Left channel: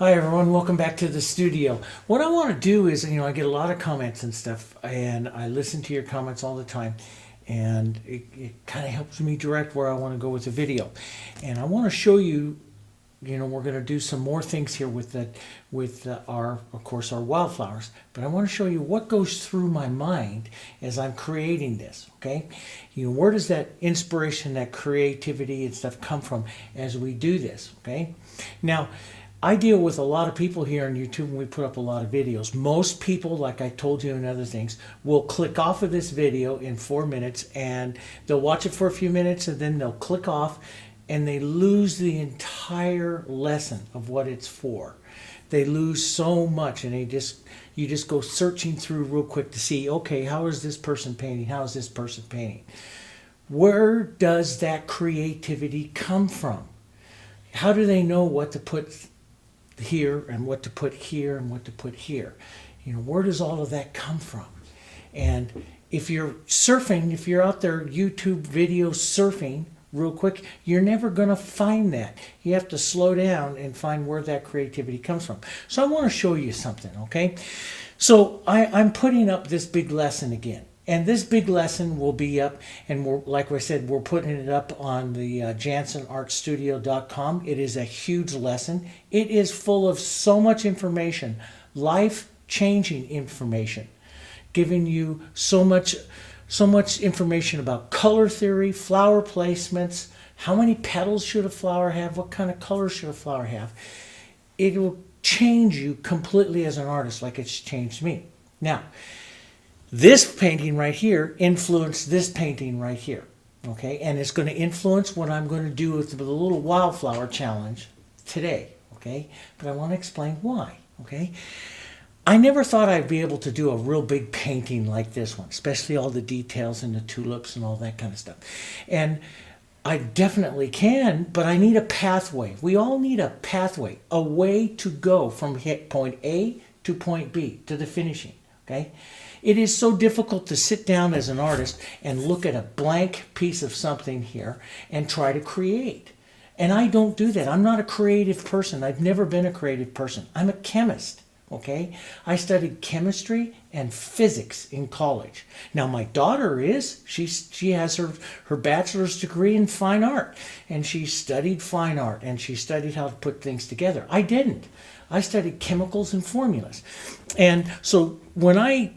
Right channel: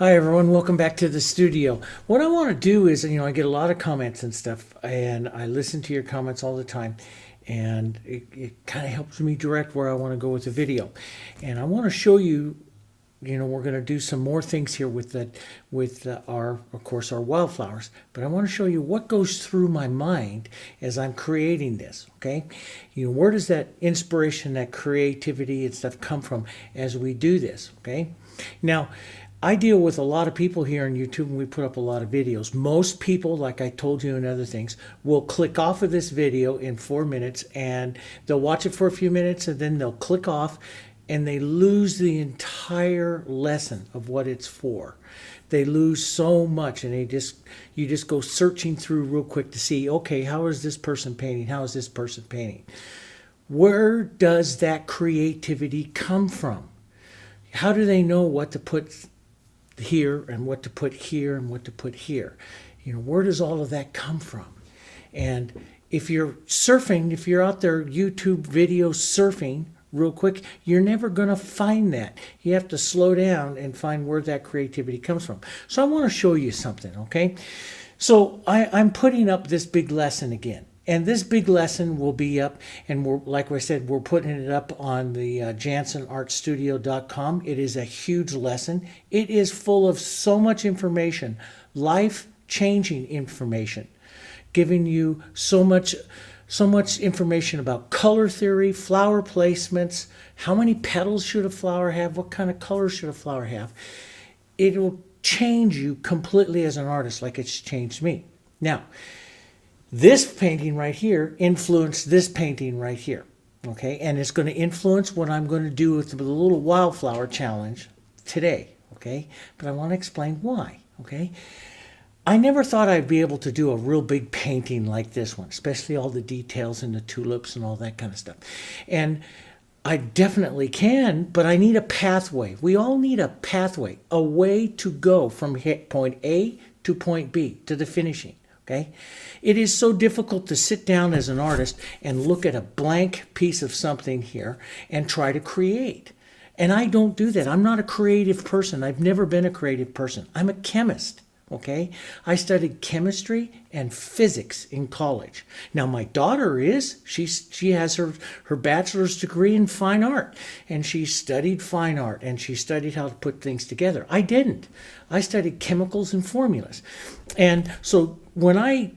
Hi everyone, welcome back to the studio. What I want to do is, I get a lot of comments and stuff, and I listen to your comments all the time, and it kind of helps me direct where I want to go with the video. And I want to show you, we're going to do some more things here with our, of course, our wildflowers. But I want to show you what goes through my mind as I'm creating this. Okay, where does that inspiration, that creativity and stuff come from as we do this? Okay, now. I deal with a lot of people here on YouTube and we put up a lot of videos. Most people, like I told you in other things, will click off of this video in 4 minutes and they'll watch it for a few minutes and then they'll click off and they lose the entire lesson of what it's for. They lose so much and you just go searching through real quick to see, okay, how is this person painting? How is this person painting? Where does that creativity come from? How do they know what to put here and what to put here and what to put here? Where does all of that come from? And if you're surfing, if you're out there YouTube video surfing real quick, you're never going to find that. You have to slow down and find where that creativity comes from. So I want to show you something, okay? So I'm putting up this big lesson again. And this big lesson will be up, and like I said, we're putting it up on the JanssenArtStudio.com. It is a huge lesson. It is full of so much information, life-changing information, giving you so much information about color theory, flower placements, how many petals should a flower have, what kind of color should a flower have. It will change you completely as an artist, like it's changed me. Now, this painting right here influenced this painting right here, okay? And it's going to influence what I'm going to do with the little wildflower challenge today, okay? But I want to explain why, okay? I never thought I'd be able to do a real big painting like this one, especially all the details and the tulips and all that kind of stuff. And I definitely can, but I need a pathway. We all need a pathway, a way to go from point A to point B, to the finishing, okay? It is so difficult to sit down as an artist and look at a blank piece of something here and try to create. And I don't do that. I'm not a creative person. I've never been a creative person. I'm a chemist, okay? I studied chemistry and physics in college. Now my daughter she has her bachelor's degree in fine art, and she studied fine art and she studied how to put things together. I didn't. I studied chemicals and formulas. And so when I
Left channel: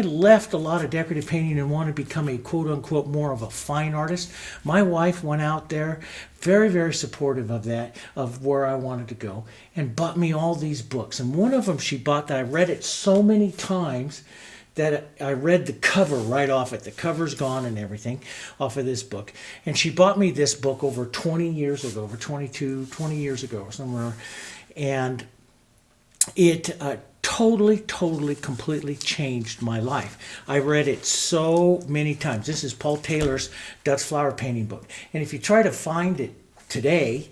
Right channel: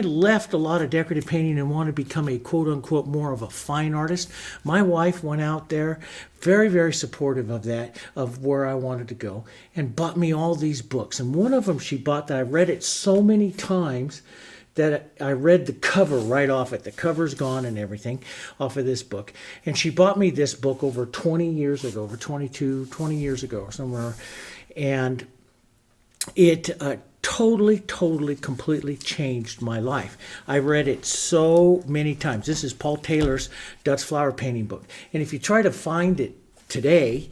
left a lot of decorative painting and wanted to become a quote unquote more of a fine artist, my wife went out there, very, very supportive of that, of where I wanted to go, and bought me all these books. And one of them she bought that I read it so many times that I read the cover right off it. The cover's gone and everything off of this book. And she bought me this book over 20 years ago, over 20 years ago or somewhere. And it totally, completely changed my life. I read it so many times. This is Paul Taylor's Dutch flower painting book. And if you try to find it today,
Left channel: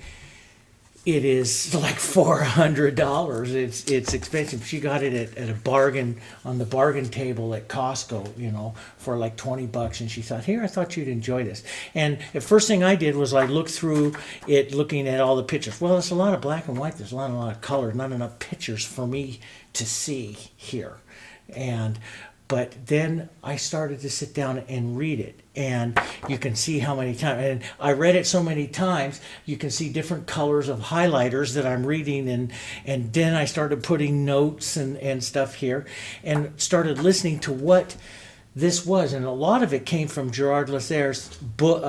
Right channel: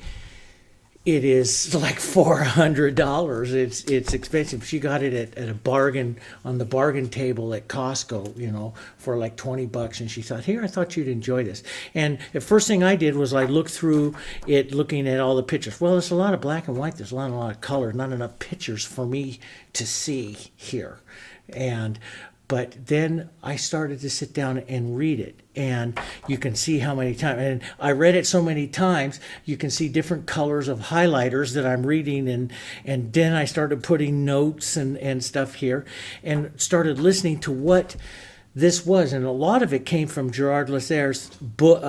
it is like $400. It's expensive. She got it at a bargain on the bargain table at Costco, for like $20. And she thought, here, I thought you'd enjoy this. And the first thing I did was like look through it, looking at all the pictures. Well, it's a lot of black and white. There's a lot of color, not enough pictures for me to see here. But then I started to sit down and read it. And you can see how many times, and I read it so many times, you can see different colors of highlighters that I'm reading. And then I started putting notes and stuff here and started listening to what this was. And a lot of it came from Gerard Lasserre's book,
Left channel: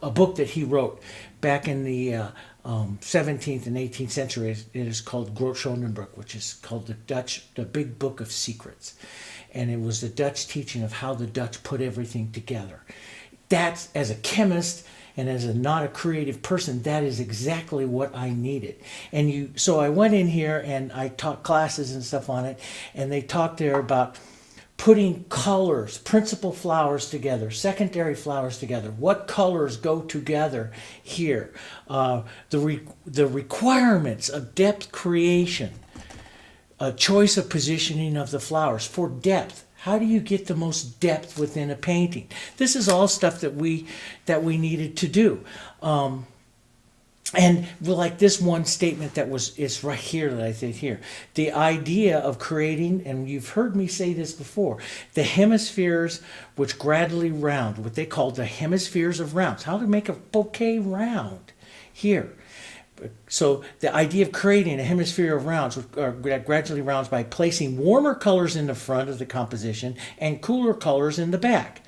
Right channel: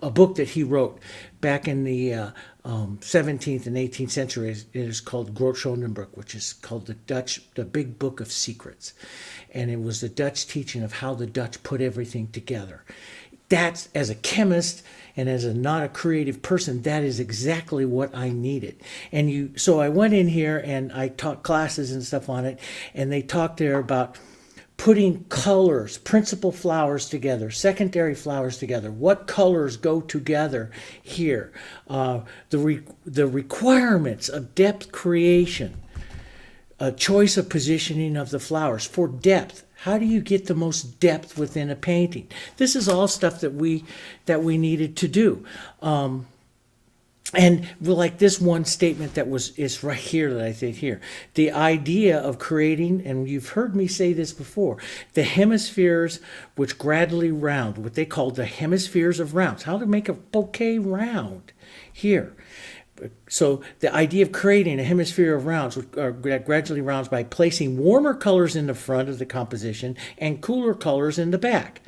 a book that he wrote back in the 17th and 18th century. It is called Grootschonenbroek, which is called the Big Book of Secrets. And it was the Dutch teaching of how the Dutch put everything together. That's, as a chemist and as not a creative person, that is exactly what I needed. So I went in here and I taught classes and stuff on it, and they talked there about putting colors, principal flowers together, secondary flowers together. What colors go together here? The requirements of depth creation, a choice of positioning of the flowers for depth. How do you get the most depth within a painting? This is all stuff that we needed to do. And like this one statement that is right here that I think here, the idea of creating, and you've heard me say this before, the hemispheres which gradually round, what they call the hemispheres of rounds. How to make a bouquet round here. So the idea of creating a hemisphere of rounds that gradually rounds by placing warmer colors in the front of the composition and cooler colors in the back.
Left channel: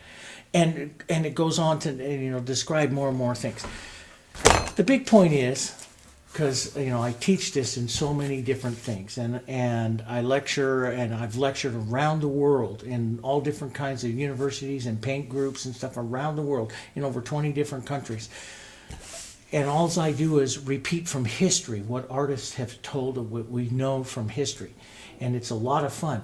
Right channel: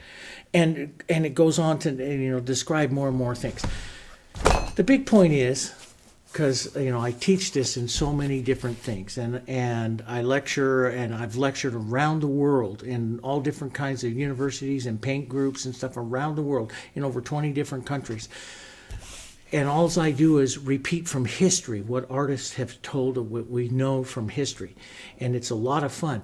And it goes on to describe more and more things. The big point is, because I teach this in so many different things, and I lecture, and I've lectured around the world in all different kinds of universities and paint groups and stuff around the world in over 20 different countries. And all I do is repeat from history what artists have told of what we know from history. And it's a lot of fun.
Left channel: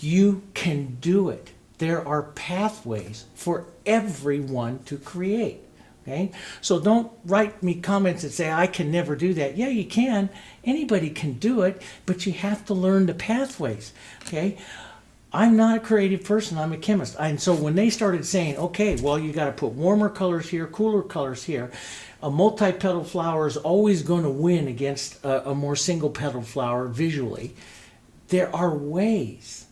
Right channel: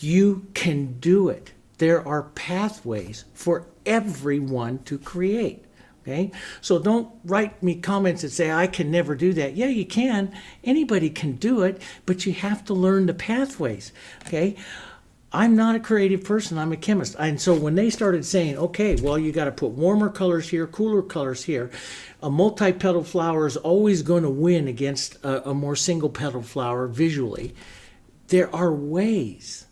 You can do it. There are pathways for everyone to create. Okay? So don't write me comments that say, I can never do that. Yeah, you can. Anybody can do it, but you have to learn the pathways. Okay? I'm not a creative person. I'm a chemist. And so when they started saying, okay, well, you got to put warmer colors here, cooler colors here, a multi-petal flower is always going to win against a more single-petal flower visually. There are ways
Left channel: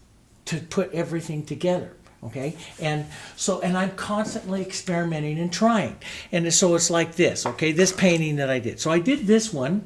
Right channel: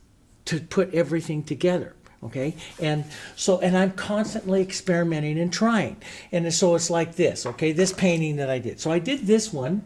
to put everything together. Okay, and I'm constantly experimenting and trying, and so it's like this. Okay, this painting that I did. So I did this one.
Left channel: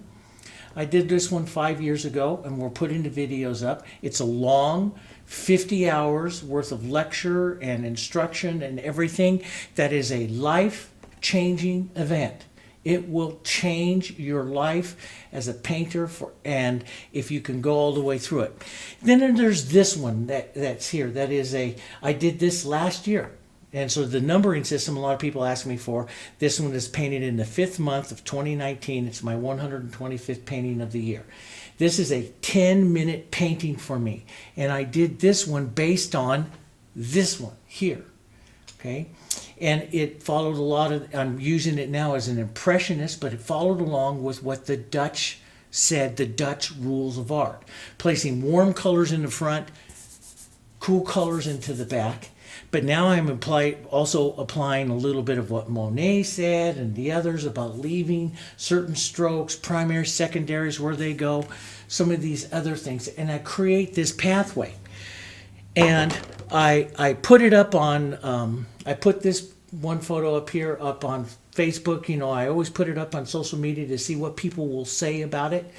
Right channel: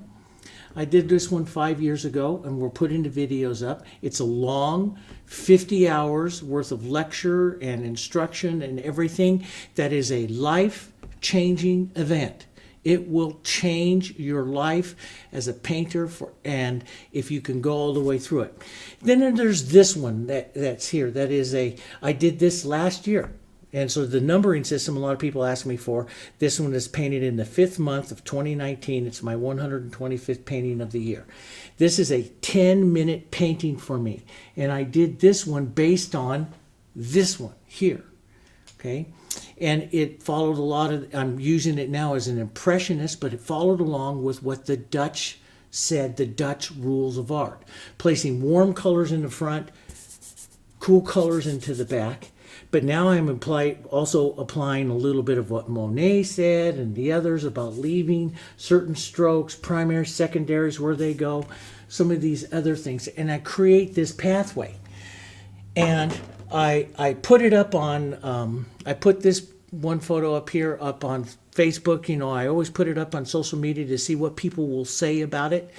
I did this one 5 years ago, and we're putting the videos up. It's a long 50 hours worth of lecture and instruction and everything. That is a life-changing event. It will change your life as a painter, and if you can go all the way through it. Then there's this one that's here. That is I did this last year. And so the numbering system, a lot of people ask me for, this one is painted in the 5th month of 2019. It's my 125th painting of the year. This is a 10-minute painting for me. And I did this one based on this one here. Okay? And it followed a lot of, I'm using it now as an impressionist, but it followed along with what the Dutch said, the Dutch rules of art. Placing warm colors in the front, cool colors into the back. But now I'm also applying a little bit of what Monet said and the others about leaving certain strokes, primaries, secondaries, where they go, some of these other things. And I create this pathway. And I put it up on, I put this one photo up here up on Facebook. I always put it up on social media to see what people will say about it.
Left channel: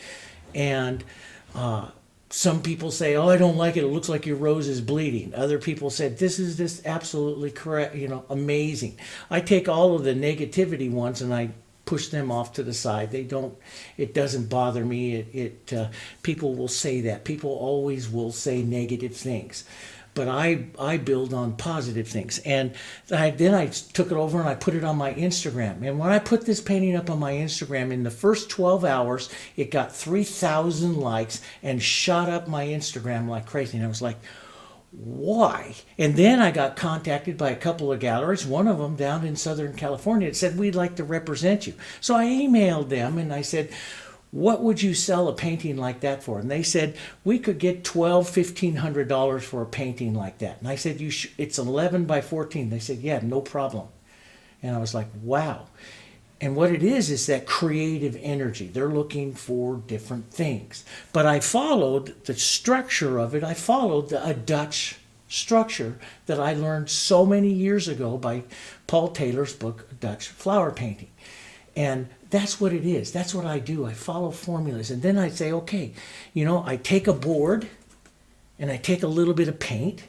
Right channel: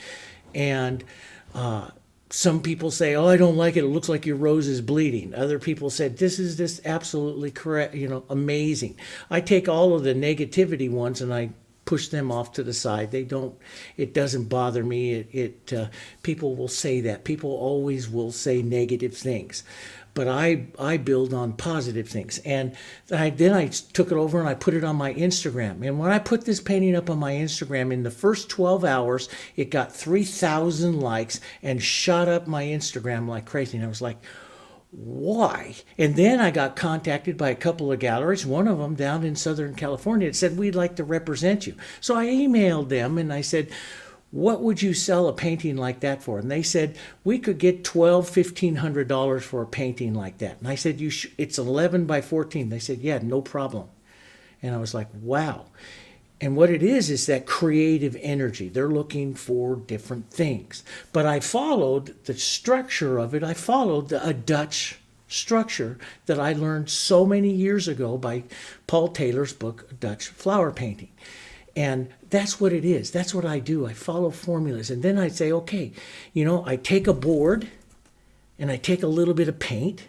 And some people say, oh, I don't like it. It looks like your rose is bleeding. Other people said, this is just absolutely correct, amazing. I take all of the negativity ones and I push them off to the side. It doesn't bother me. People will say that. People always will say negative things. But I build on positive things. And then I took it over and I put it on my Instagram. And when I put this painting up on my Instagram, in the first 12 hours, it got 3,000 likes and shot up my Instagram like crazy. And I was like, why? And then I got contacted by a couple of galleries, one of them down in Southern California, that said, we'd like to represent you. So I emailed them and I said, what would you sell a painting like that for? And they said, we could get $1,500 for a painting like that. And I said, it's 11 by 14. They said, yeah, no problem. And I was like, wow. And what it is that creative energy. They're looking for different things. But I followed the structure of it. I followed a Dutch structure that I learned so many years ago by Paul Taylor's book, Dutch Flower Painting. And that's what it is. That's what I do. I follow formulas. And then I say, okay, I take a board and I take a little bit of paint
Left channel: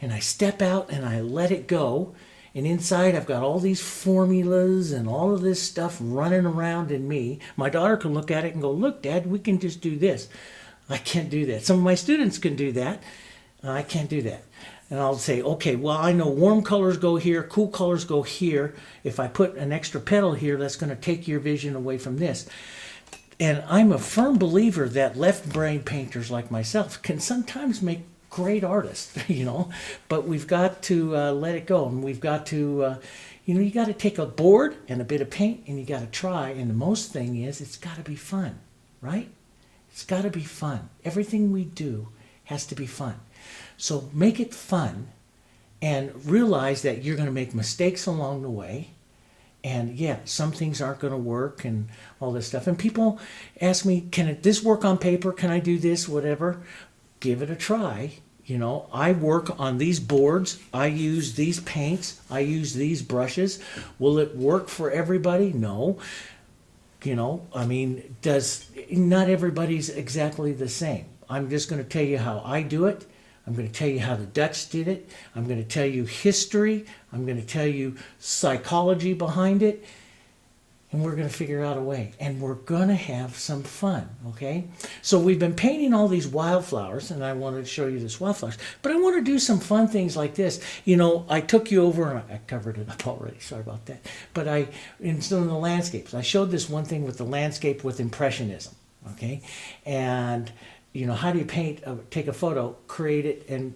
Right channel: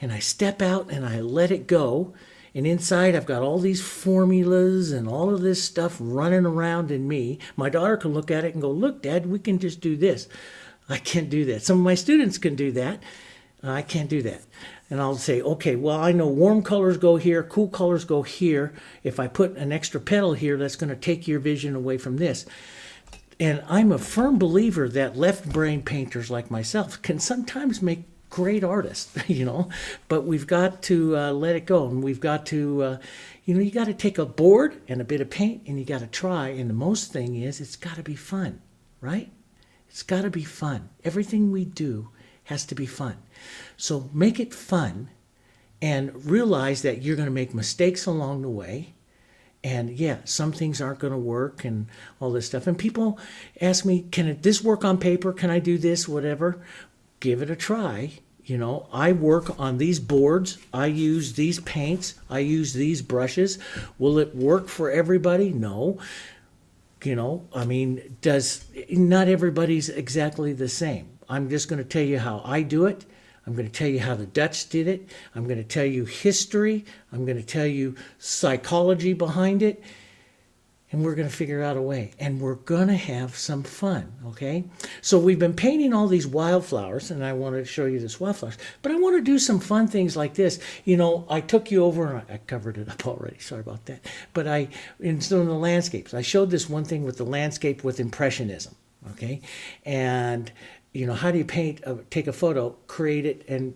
and I step out and I let it go. And inside I've got all these formulas and all of this stuff running around in me. My daughter can look at it and go, look, Dad, we can just do this. I can't do that. Some of my students can do that. I can't do that. And I'll say, okay, well, I know warm colors go here, cool colors go here. If I put an extra petal here, that's going to take your vision away from this. And I'm a firm believer that left-brain painters like myself can sometimes make great artists, but we've got to let it go. And we've got to, you got to take a board and a bit of paint and you got to try. And the most thing is, it's got to be fun, right? It's got to be fun. Everything we do has to be fun. So make it fun and realize that you're going to make mistakes along the way And yeah, some things aren't going to work and all this stuff. And people ask me, this work on paper? Can I do this? Whatever. Give it a try. I work on these boards. I use these paints. I use these brushes. Will it work for everybody? No. Not everybody's exactly the same. I'm just going to tell you how I do it. I'm going to tell you how the Dutch did it. I'm going to tell you history. I'm going to tell you psychology behind it. And we're going to figure out a way. And we're going to have some fun, okay? So we've been painting all these wildflowers, and I want to show you this wildflowers. But I want to do some fun things like this. I took you over, and I covered it up already. Sorry about that. But in some of the landscapes, I showed this one thing with the landscape with Impressionism, okay? And how do you take a photo, create it, and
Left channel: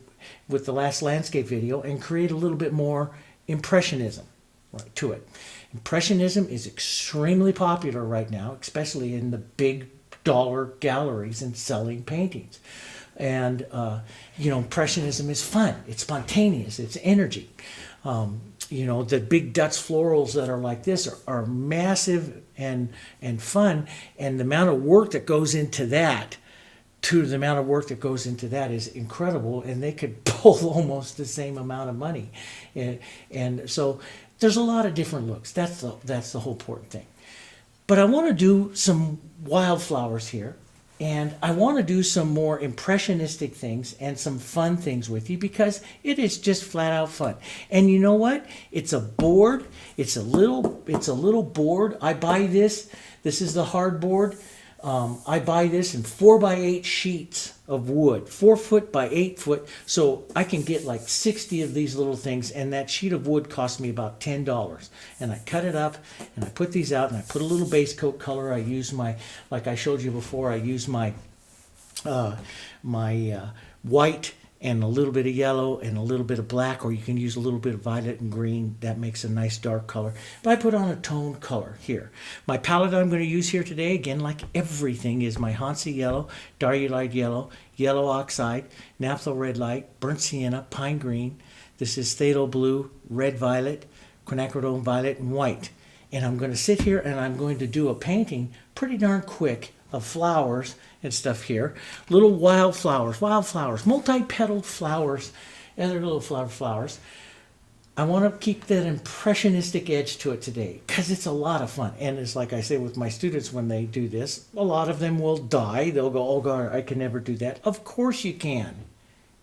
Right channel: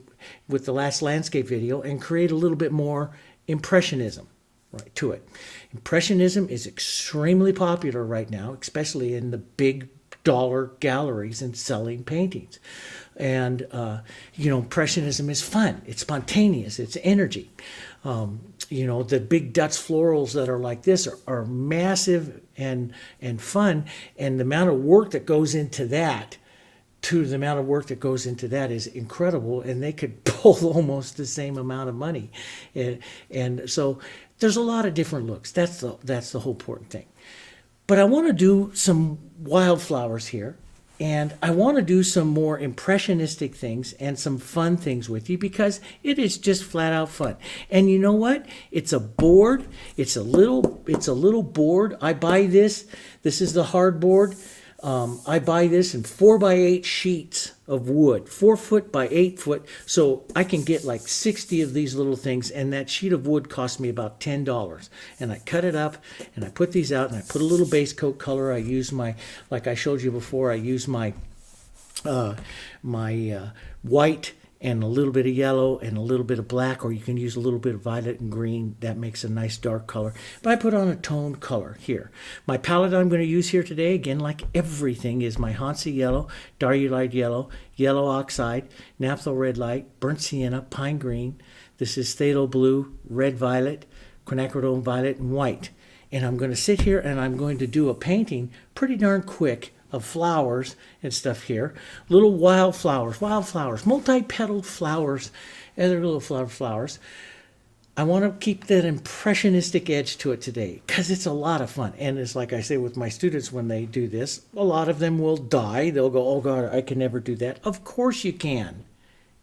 with the last landscape video, and create a little bit more Impressionism to it. Impressionism is extremely popular right now, especially in the big dollar galleries and selling paintings. And, Impressionism is fun. It's spontaneous. It's energy. The big Dutch florals that are like this are massive and fun. And the amount of work that goes into that is incredible, and they could pull almost the same amount of money. And so there's a lot of different looks. That's the whole important thing. But I want to do some wildflowers here, and I want to do some more impressionistic things and some fun things with you, because it is just flat out fun. And you know what? It's a board. It's a little board. I buy this. This is the hard board. I buy this in 4x8 sheets of wood, 4 foot by 8 foot, so I can get like 60 of these little things, and that sheet of wood cost me about $10. And I cut it up, and I put these out, and I put a little base coat color. I use like I showed you before, I use my white and a little bit of yellow and a little bit of black, or you can use a little bit of violet and green. That makes a nice dark color. But I put on a toned color here. My palette I'm going to use here today, again, like everything, is my Hansa yellow, diarylite yellow, yellow oxide, naphtha red light, burnt sienna, pine green. This is phthalo blue, red violet, quinacridone violet, and white. And I'm going to sit here and I'm going to do a painting pretty darn quick of flowers and stuff here. Little wildflowers, multi-petaled flowers, and they're little flowers. I want to keep that impressionistic edge to it today, because it's a lot of fun. And it's like I say with my students when they do this, a lot of them will die. They'll go, oh God, I can never do that. Of course you can.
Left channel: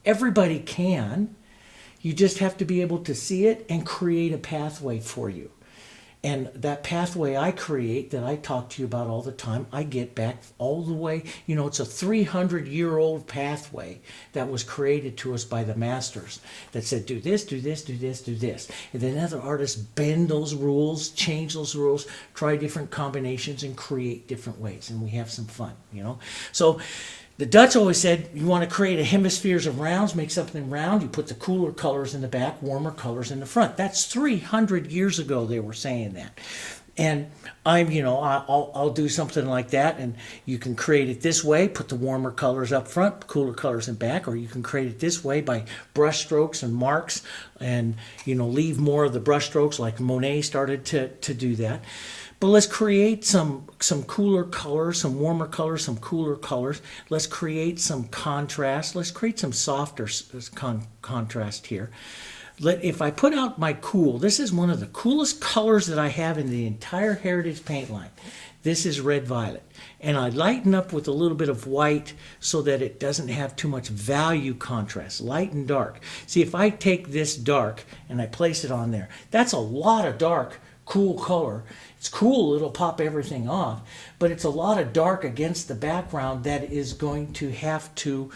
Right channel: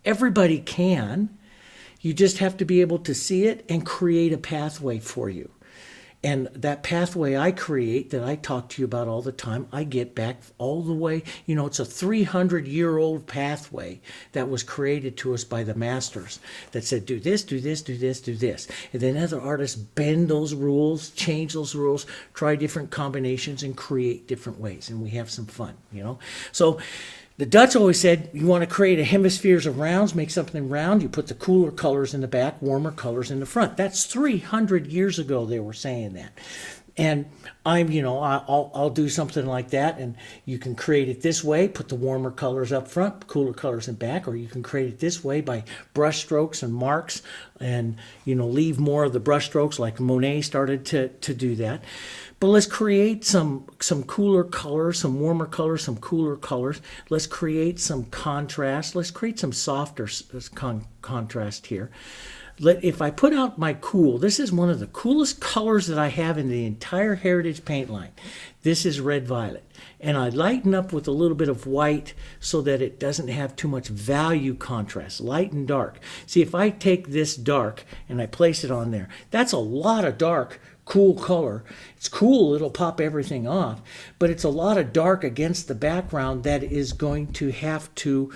Everybody can. You just have to be able to see it and create a pathway for you. And that pathway I create, that I talk to you about all the time, I get back all the way. It's a 300-year-old pathway that was created to us by the masters that said, do this, do this, do this, do this. And then other artists bend those rules, change those rules, try different combinations, and create different ways. And we have some fun, So the Dutch always said, you want to create a hemispheres of rounds, make something round, you put the cooler colors in the back, warmer colors in the front. That's 300 years ago they were saying that. And I'll do something like that, and you can create it this way, put the warmer colors up front, cooler colors in back, or you can create it this way by brush strokes and marks, and leave more of the brush strokes, like Monet started to do that. But let's create some cooler colors, some warmer colors, some cooler colors. Let's create some contrast. Let's create some softer contrast here. If I put out my cool, this is one of the coolest colors that I have in the entire Heritage paint line. This is red violet. And I lighten up with a little bit of white so that it doesn't have too much value contrast, light and dark. See, if I take this dark and I place it on there, that's a lot of dark, cool color. It's cool, it'll pop everything off, but it's a lot of dark against the background that is going to have to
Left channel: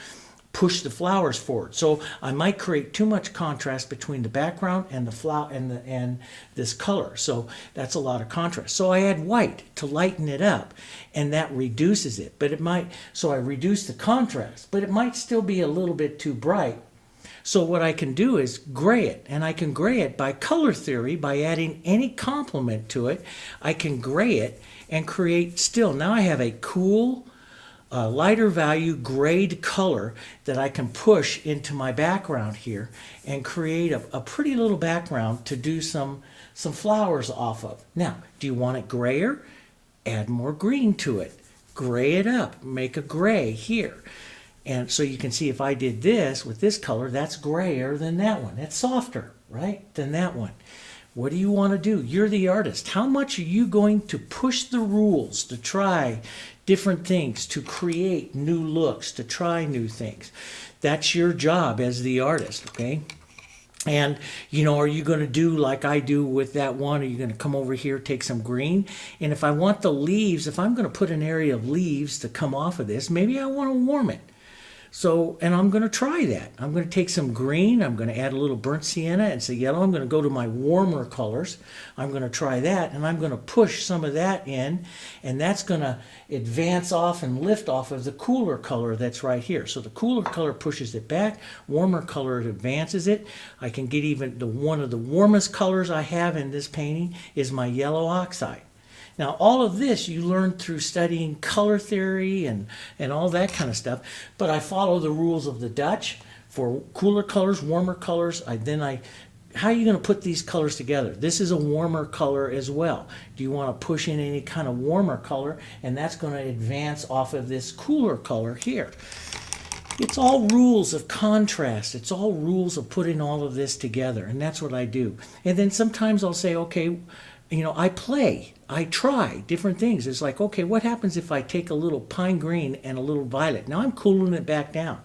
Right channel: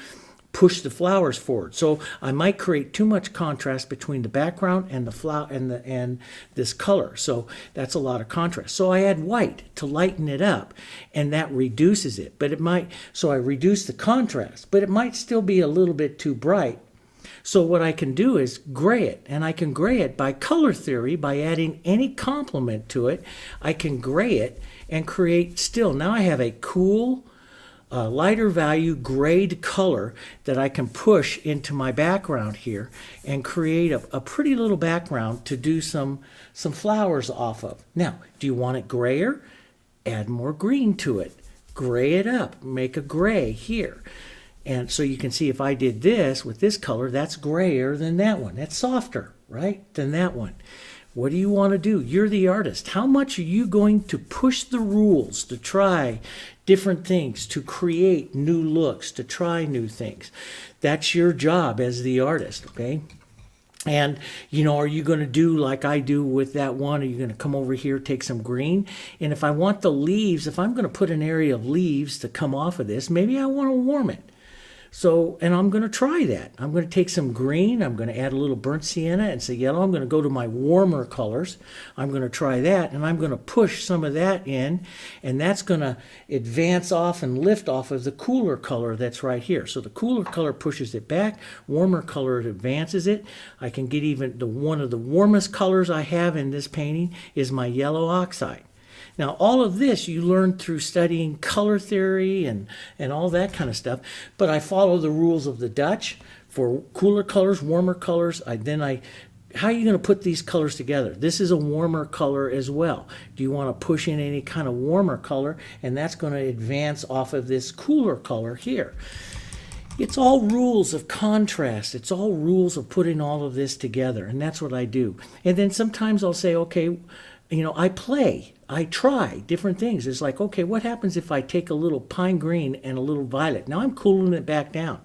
push the flowers forward. So I might create too much contrast between the background and the flower and this color. So that's a lot of contrast. So I add white to lighten it up, and that reduces it. So I reduce the contrast, but it might still be a little bit too bright. So what I can do is gray it, and I can gray it by color theory, by adding any complement to it. I can gray it and create still. Now I have a cool, lighter value grayed color that I can push into my background here and create a pretty little background to do some flowers off of. Now, do you want it grayer? Add more green to it. Gray it up. Make a gray here. And so you can see if I did this with this color, that's grayer than that one. That's softer, right, than that one. What do you want to do? You're the artist. How much are you going to push the rules to try different things, to create new looks, to try new things? That's your job as the artist, okay? And, are you going to do like I do with that one? Are you going to come over here, take some green? And if I want the leaves, if I'm going to put an area of leaves to come off of this, maybe I want to warm it. So, and I'm going to try that. I'm going to take some green. I'm going to add a little burnt sienna and some yellow. I'm going to go to my warmer colors. I'm going to try that, and I'm going to push some of that in, and that's going to advance off and lift off of the cooler color that's right here. So the cooler color pushes it back. Warmer color advances it. I can get even one of the warmest colors I have in this painting is my yellow oxide. Now, all of this you learn through studying color theory and all that kind of stuff, but I follow the rules of the Dutch for cooler colors, warmer colors. How are you going to put these colors together? This is a warmer color as well. Do you want to push in any kind of warmer color? And that's going to advance off of this cooler color here. It's all rules of contrast. It's all rules of putting all of this together, and that's what I do. And then sometimes I'll say, okay, I try different things. It's like, okay, what happens if I take a little pine green and a little violet? Now I'm cooling it back down.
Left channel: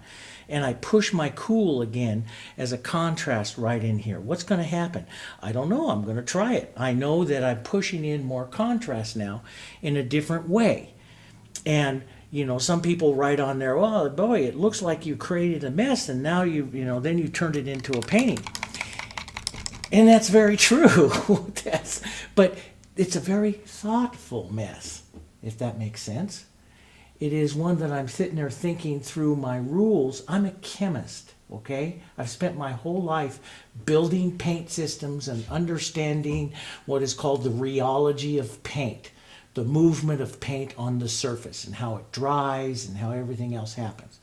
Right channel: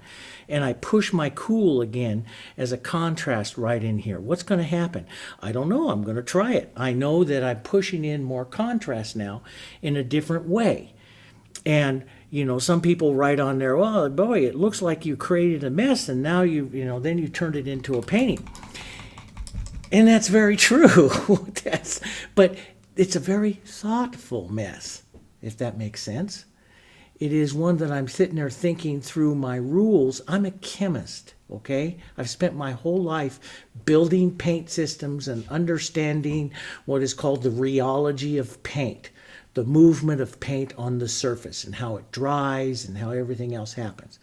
And I push my cool again as a contrast right in here. What's going to happen? I don't know. I'm going to try it. I know that I'm pushing in more contrast now in a different way. And, some people write on there, oh, boy, it looks like you created a mess and now then you turned it into a painting. And that's very true. But it's a very thoughtful mess, if that makes sense. It is one that I'm sitting there thinking through my rules. I'm a chemist, okay? I've spent my whole life building paint systems and understanding what is called the rheology of paint, the movement of paint on the surface and how it dries and how everything else happens.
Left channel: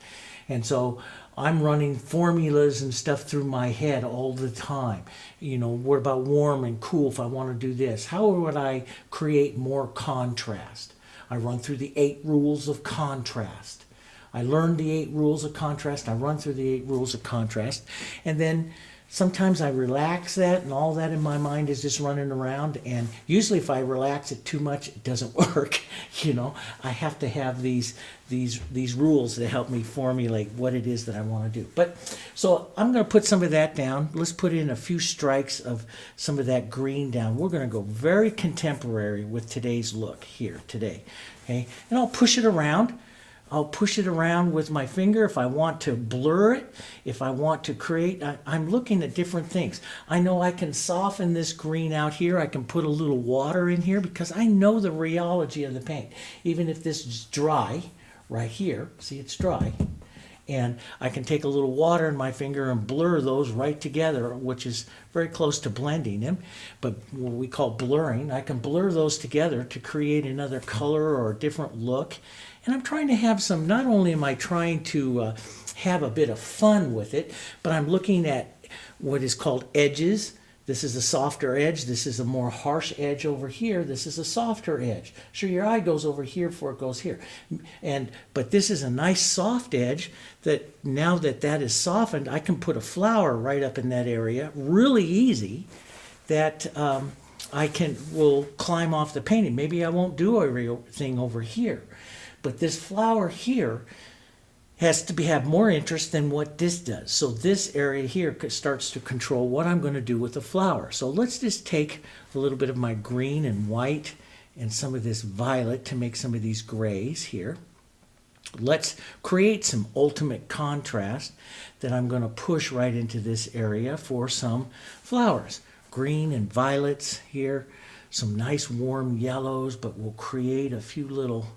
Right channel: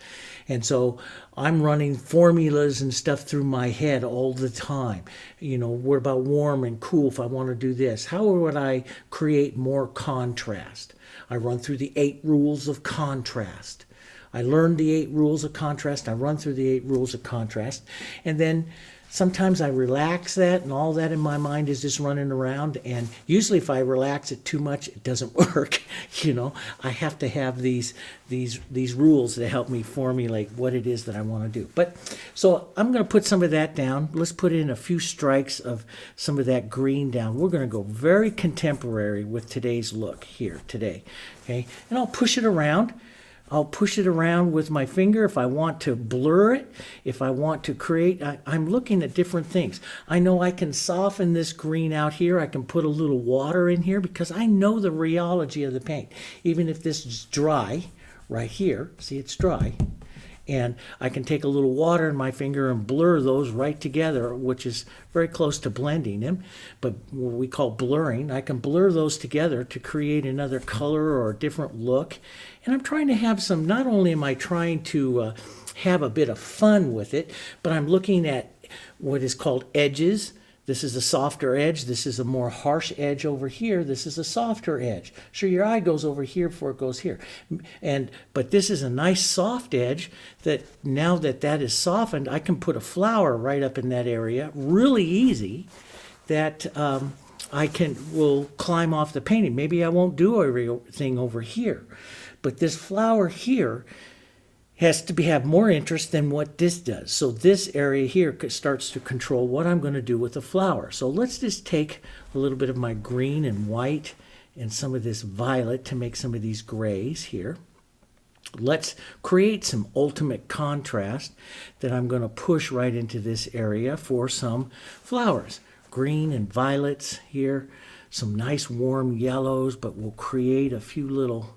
And so I'm running formulas and stuff through my head all the time. What about warm and cool if I want to do this? How would I create more contrast? I run through the 8 rules of contrast. I learned the 8 rules of contrast. I run through the 8 rules of contrast. And then sometimes I relax that, and all that in my mind is just running around. And usually if I relax it too much, it doesn't work. I have to have these rules to help me formulate what it is that I want to do. But so I'm going to put some of that down. Let's put in a few strikes of some of that green down. We're going to go very contemporary with today's look here today. Okay, and I'll push it around. I'll push it around with my finger if I want to blur it, if I want to create. I'm looking at different things. I know I can soften this green out here. I can put a little water in here because I know the rheology of the paint. Even if this is dry right here, see it's dry, and I can take a little water in my finger and blur those right together, which is very close to blending them, but what we call blurring. I can blur those together to create another color or a different look. And I'm trying to have some, not only am I trying to have a bit of fun with it, but I'm looking at what is called edges. This is a softer edge. This is a more harsh edge over here. This is a softer edge. Sure, your eye goes over here before it goes here. But this is a nice soft edge that now that is softened, I can put a flower right up in that area really easy that will climb off the painting. Maybe I won't do everything over here. But this flower here has to have more interest than what this does. So this area here starts to control what I'm going to do with the flower. So let's just take a little bit of my green and white and some of this violet to make some of these grays here. Let's create some ultimate contrast that I'm going to push right into this area for some flowers. Green and violets here, some nice warm yellows, but we'll create a few little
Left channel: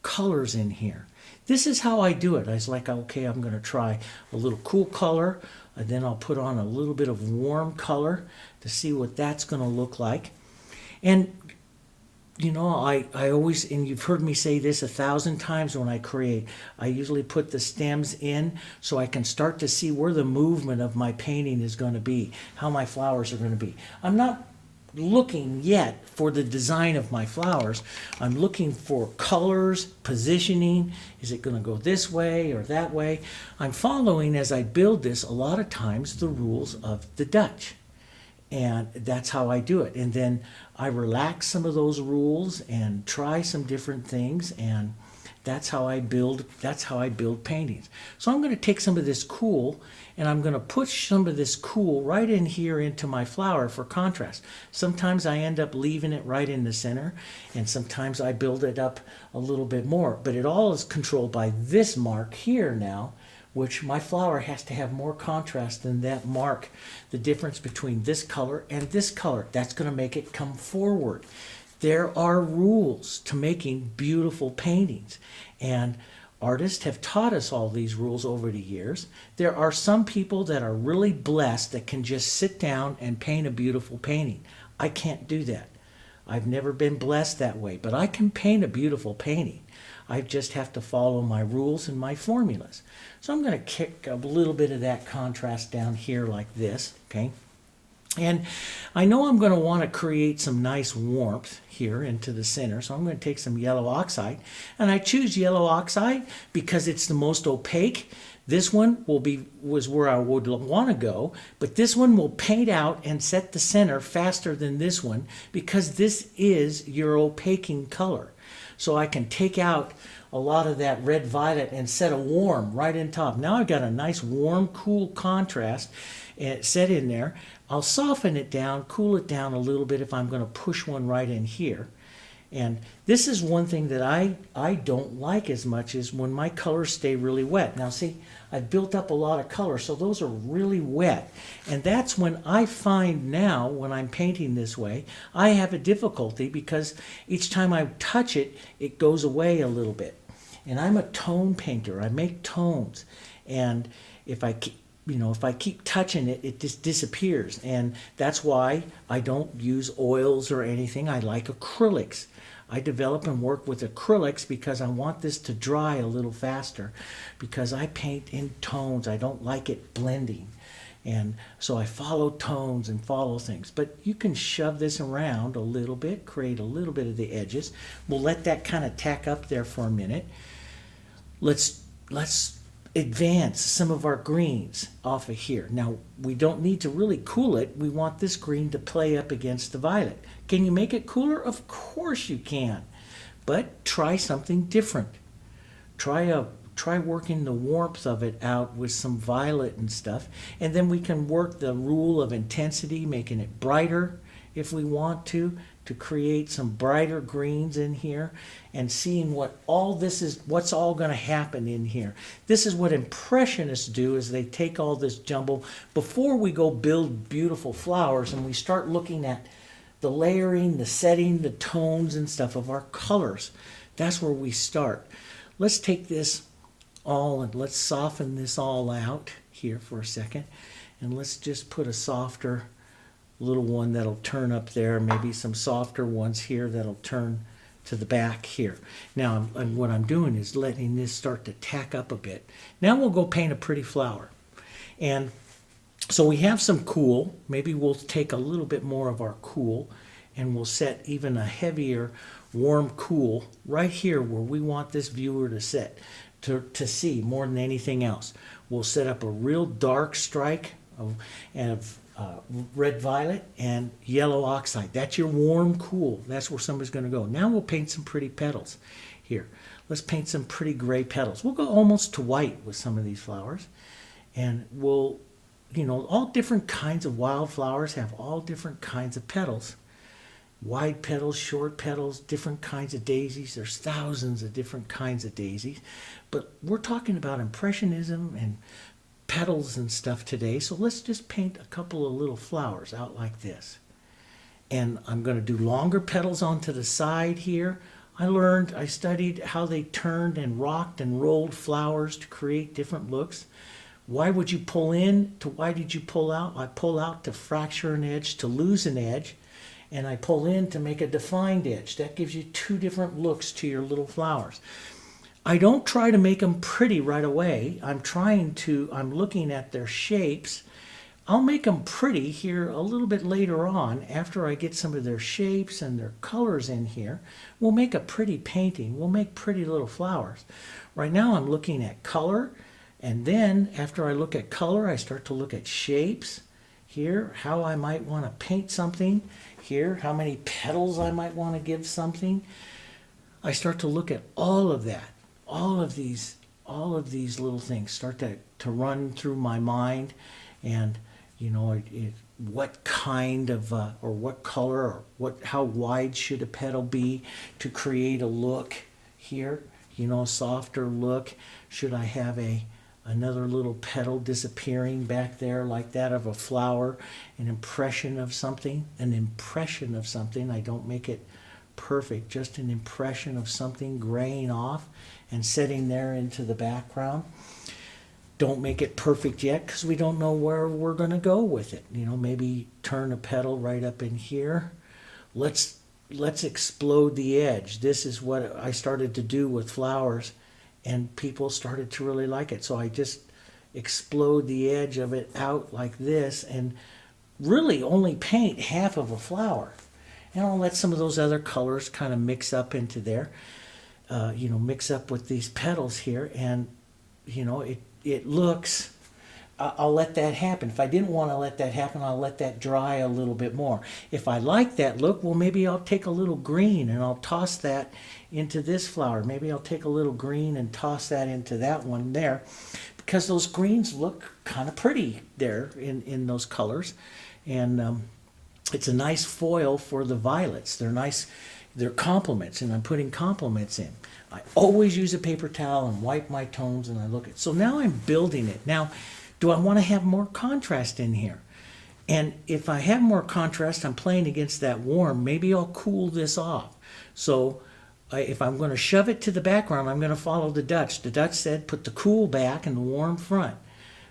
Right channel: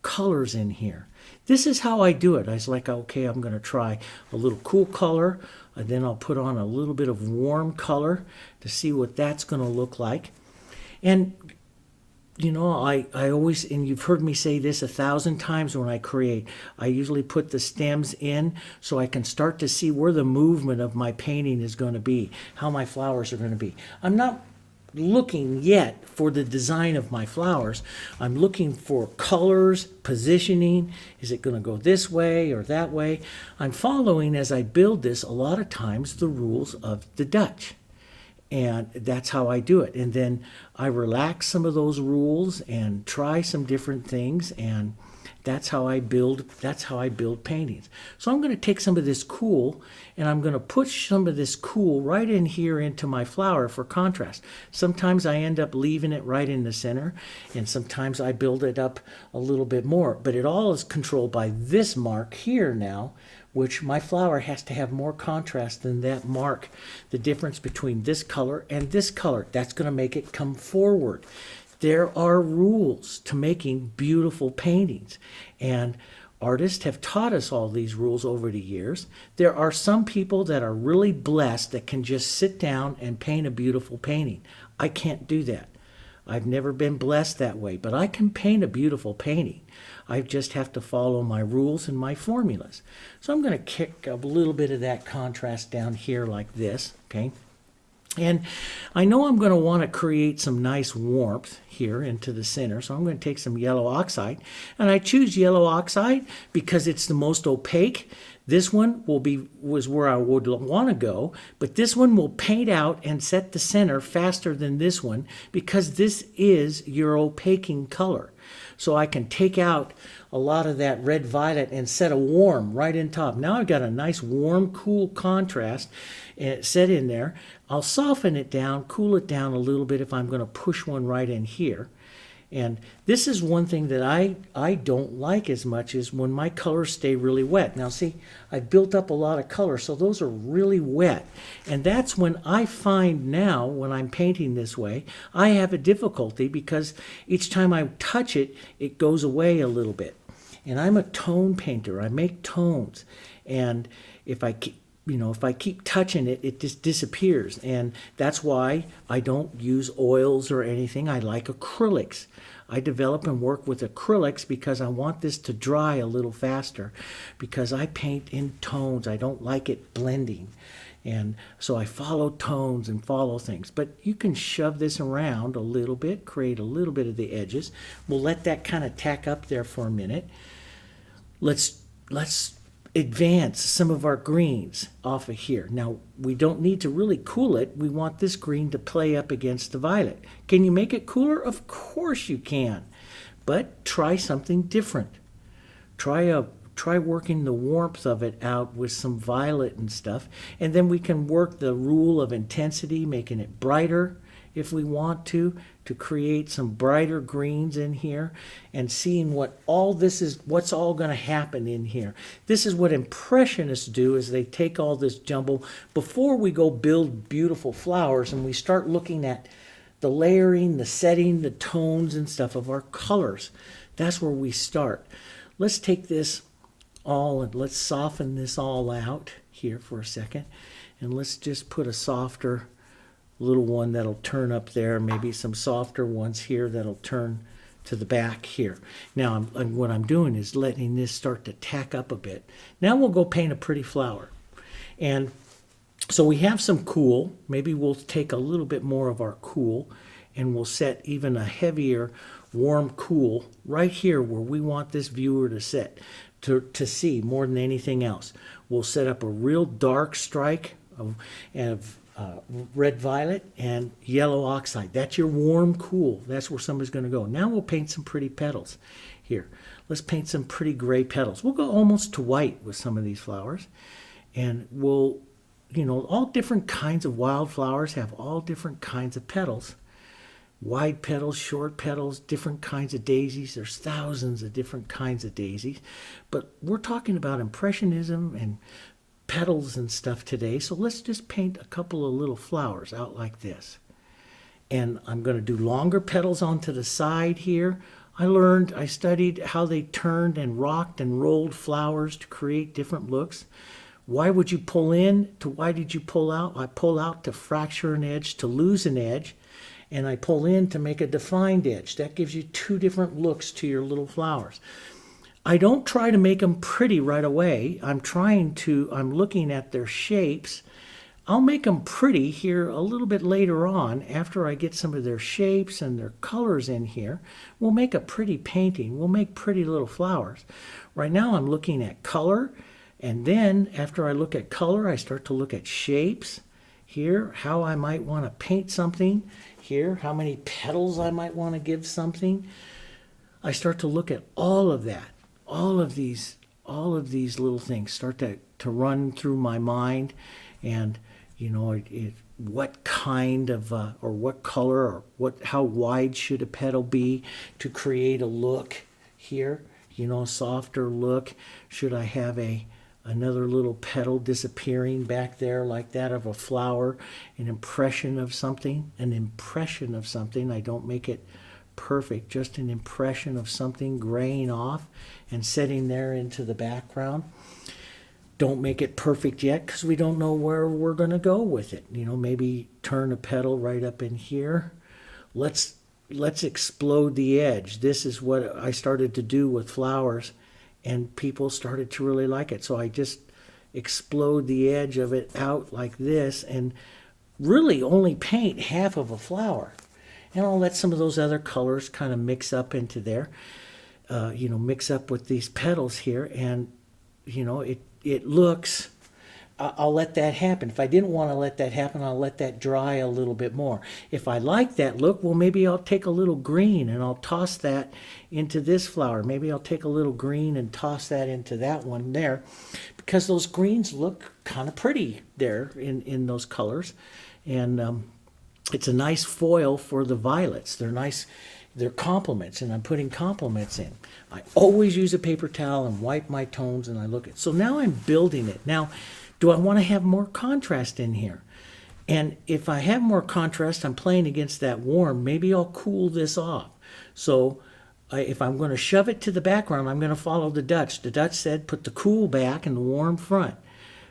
colors in here. This is how I do it. I was like, okay, I'm going to try a little cool color, and then I'll put on a little bit of warm color to see what that's going to look like. And I always, and you've heard me say this 1,000 times when I create, I usually put the stems in so I can start to see where the movement of my painting is going to be, how my flowers are going to be. I'm not looking yet for the design of my flowers. I'm looking for colors, positioning. Is it going to go this way or that way? I'm following, as I build this, a lot of times the rules of the Dutch. And that's how I do it. And then I relax some of those rules and try some different things, and that's how I build paintings. So I'm going to take some of this cool and I'm going to push some of this cool right in here into my flower for contrast. Sometimes I end up leaving it right in the center, and sometimes I build it up a little bit more. But it all is controlled by this mark here now, which my flower has to have more contrast than that mark. The difference between this color and this color, that's going to make it come forward. There are rules to making beautiful paintings, and artists have taught us all these rules over the years. There are some people that are really blessed that can just sit down and paint a beautiful painting. I can't do that. I've never been blessed that way, but I can paint a beautiful painting. I just have to follow my rules and my formulas. So I'm going to kick a little bit of that contrast down here like this, okay? And I know I'm going to want to create some nice warmth here into the center, so I'm going to take some yellow oxide. And I choose yellow oxide because it's the most opaque. This one was where I would want to go, but this one will paint out and set the center faster than this one because this is your opaquing color. So I can take out a lot of that red violet and set a warm right in top. Now I've got a nice warm, cool contrast set in there. I'll soften it down, cool it down a little bit if I'm going to push one right in here. And this is one thing that I don't like as much is when my colors stay really wet. Now see, I've built up a lot of color, so those are really wet. And that's when I find now, when I'm painting this way, I have a difficulty because each time I touch it, it goes away a little bit. And I'm a tone painter. I make tones. And if I keep touching it, it just disappears. And that's why I don't use oils or anything. I like acrylics. I develop and work with acrylics because I want this to dry a little faster because I paint in tones. I don't like it blending. And so I follow tones and follow things. But you can shove this around a little bit, create a little bit of the edges. We'll let that kind of tack up there for a minute. Let's advance some of our greens off of here. Now, we don't need to really cool it. We want this green to play up against the violet. Can you make it cooler? Of course you can. But try something different. Try working the warmth of it out with some violet and stuff. And then we can work the rule of intensity, making it brighter if we want to create some brighter greens in here and seeing what all this is, what's all going to happen in here. This is what Impressionists do, is they take all this jumble before we go build beautiful flowers and we start looking at the layering, the setting, the tones and stuff of our colors. That's where we start. Let's take this all and let's soften this all out here for a second, and let's just put a softer little one that'll turn up there, maybe some softer ones here that'll turn to the back here. Now what I'm doing is letting this start to tack up a bit. Now we'll go paint a pretty flower. And so we have some cool. Maybe we'll take a little bit more of our cool and we'll set even a heavier warm cool right here where we want this viewer to sit, to see more than anything else. We'll set up a real dark strike of red violet and yellow oxide. That's your warm cool. That's where somebody's going to go. Now we'll paint some pretty petals here. Let's paint some pretty gray petals. We'll go almost to white with some of these flowers. And we'll, all different kinds of wildflowers have all different kinds of petals. Wide petals, short petals, different kinds of daisies. There's thousands of different kinds of daisies. But we're talking about Impressionism and petals and stuff today, so let's just paint a couple of little flowers out like this. And I'm going to do longer petals onto the side here. I studied how they turned and rocked and rolled flowers to create different looks. Why would you pull in? Why did you pull out? I pull out to fracture an edge, to lose an edge. and I pull in to make a defined edge. That gives you two different looks to your little flowers. I don't try to make them pretty right away. I'm looking at their shapes. I'll make them pretty here a little bit later on after I get some of their shapes and their colors in here. We'll make a pretty painting. We'll make pretty little flowers. Right now I'm looking at color, and then after I look at color, I start to look at shapes here, how I might want to paint something here, how many petals I might want to give something. I start to look at all of that. All of these little things start to run through my mind, and what kind of or what color or how wide should a petal be to create a look here, a softer look. Should I have another little petal disappearing back there like that of a flower, an impression of something. I don't make it perfect, just an impression of something graying off and setting there into the background. Don't make it perfect yet because we don't know where we're going to go with it. Maybe turn a petal right up in here. Let's explode the edge. This is what I started to do with flowers, and people started to really like it. So I just explode the edge of it out like this and really only paint half of a flower. And I'll let some of those other colors kind of mix up into there, mix up with these petals here, and it looks, I'll let that happen. If I didn't want to let that happen, I'll let that dry a little bit more. If I like that look, well, maybe I'll take a little green and I'll toss that into this flower. Maybe I'll take a little green and toss that into that one there, because those greens look kind of pretty there in those colors. And it's a nice foil for the violets. They're nice. They're complements, and I'm putting complements in. I always use a paper towel and wipe my tones, and I look at. So now I'm building it. Now, do I want to have more contrast in here? And if I have more contrast, I'm playing against that warm. Maybe I'll cool this off. So if I'm going to shove it to the background, I'm going to follow the Dutch. The Dutch said put the cool back and the warm front.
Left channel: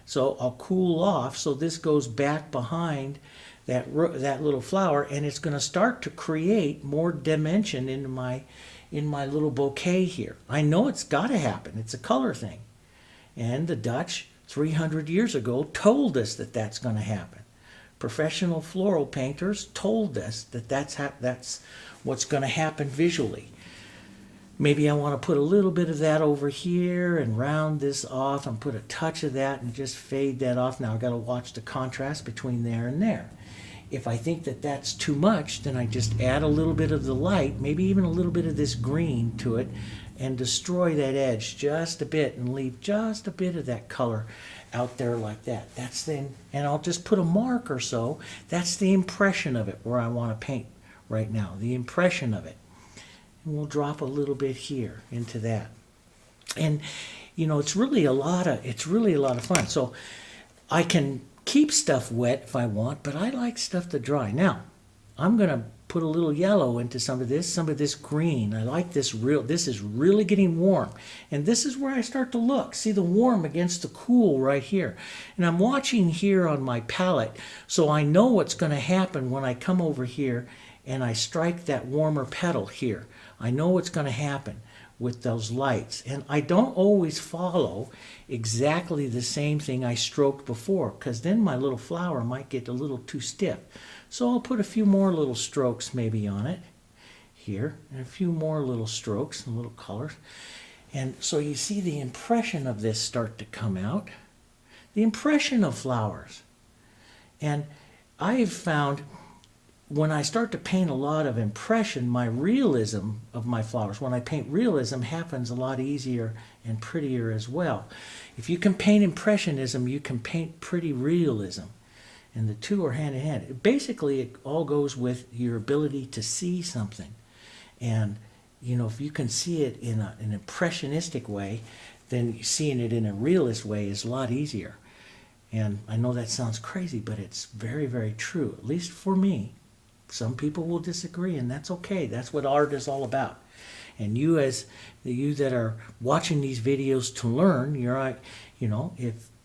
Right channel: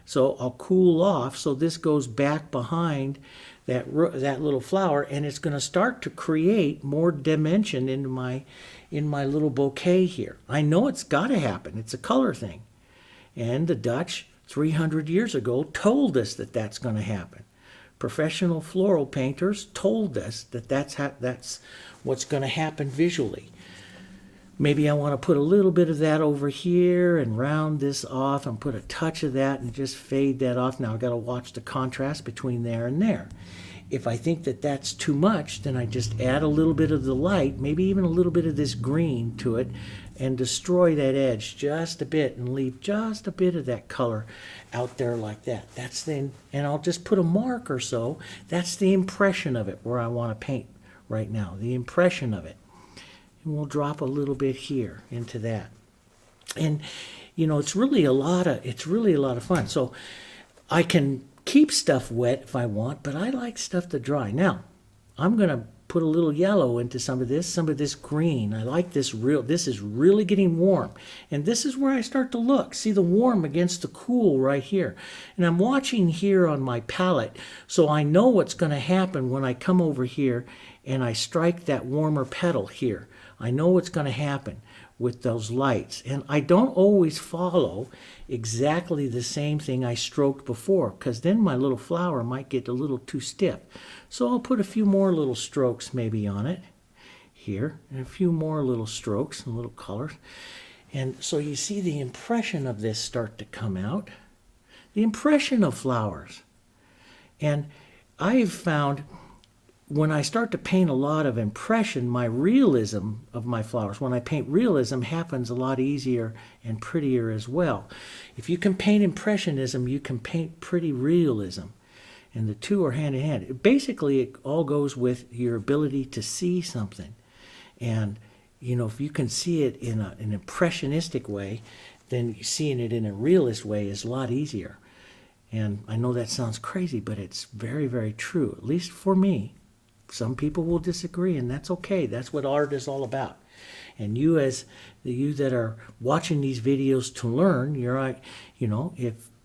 So I'll cool off. So this goes back behind that little flower, and it's going to start to create more dimension in my little bouquet here. I know it's got to happen. It's a color thing. And the Dutch 300 years ago told us that that's going to happen. Professional floral painters told us that that's what's going to happen visually. Maybe I want to put a little bit of that over here and round this off and put a touch of that and just fade that off. Now I've got to watch the contrast between there and there. If I think that that's too much, then I just add a little bit of the light, maybe even a little bit of this green to it, and destroy that edge just a bit and leave just a bit of that color out there like that. And I'll just put a mark or so. That's the impression of it where I want to paint right now, the impression of it. And we'll drop a little bit here into that. And it's really a lot of fun. So I can keep stuff wet if I want, but I like stuff to dry. Now, I'm going to put a little yellow into some of this green. I like this is really getting warm. And this is where I start to look. See the warm against the cool right here. And I'm watching here on my palette, so I know what's going to happen when I come over here and I strike that warmer petal here. I know what's going to happen with those lights. And I don't always follow exactly the same thing I stroked before, because then my little flower might get a little too stiff. So I'll put a few more little strokes maybe on it here, and a few more little strokes and little colors. And so you see the impression of this start to come out, the impression of flowers. And I've found when I start to paint a lot of impression, my realism of my flowers, when I paint realism, happens a lot easier and prettier as well. If you can paint impressionism, you can paint pretty realism. And the two are hand in hand. Basically, it all goes with your ability to see something. And, if you can see it in an impressionistic way, then seeing it in a realist way is a lot easier. And I know that sounds crazy, but it's very, very true, at least for me. Some people will disagree, and that's okay. That's what art is all about. And you that are watching these videos to learn,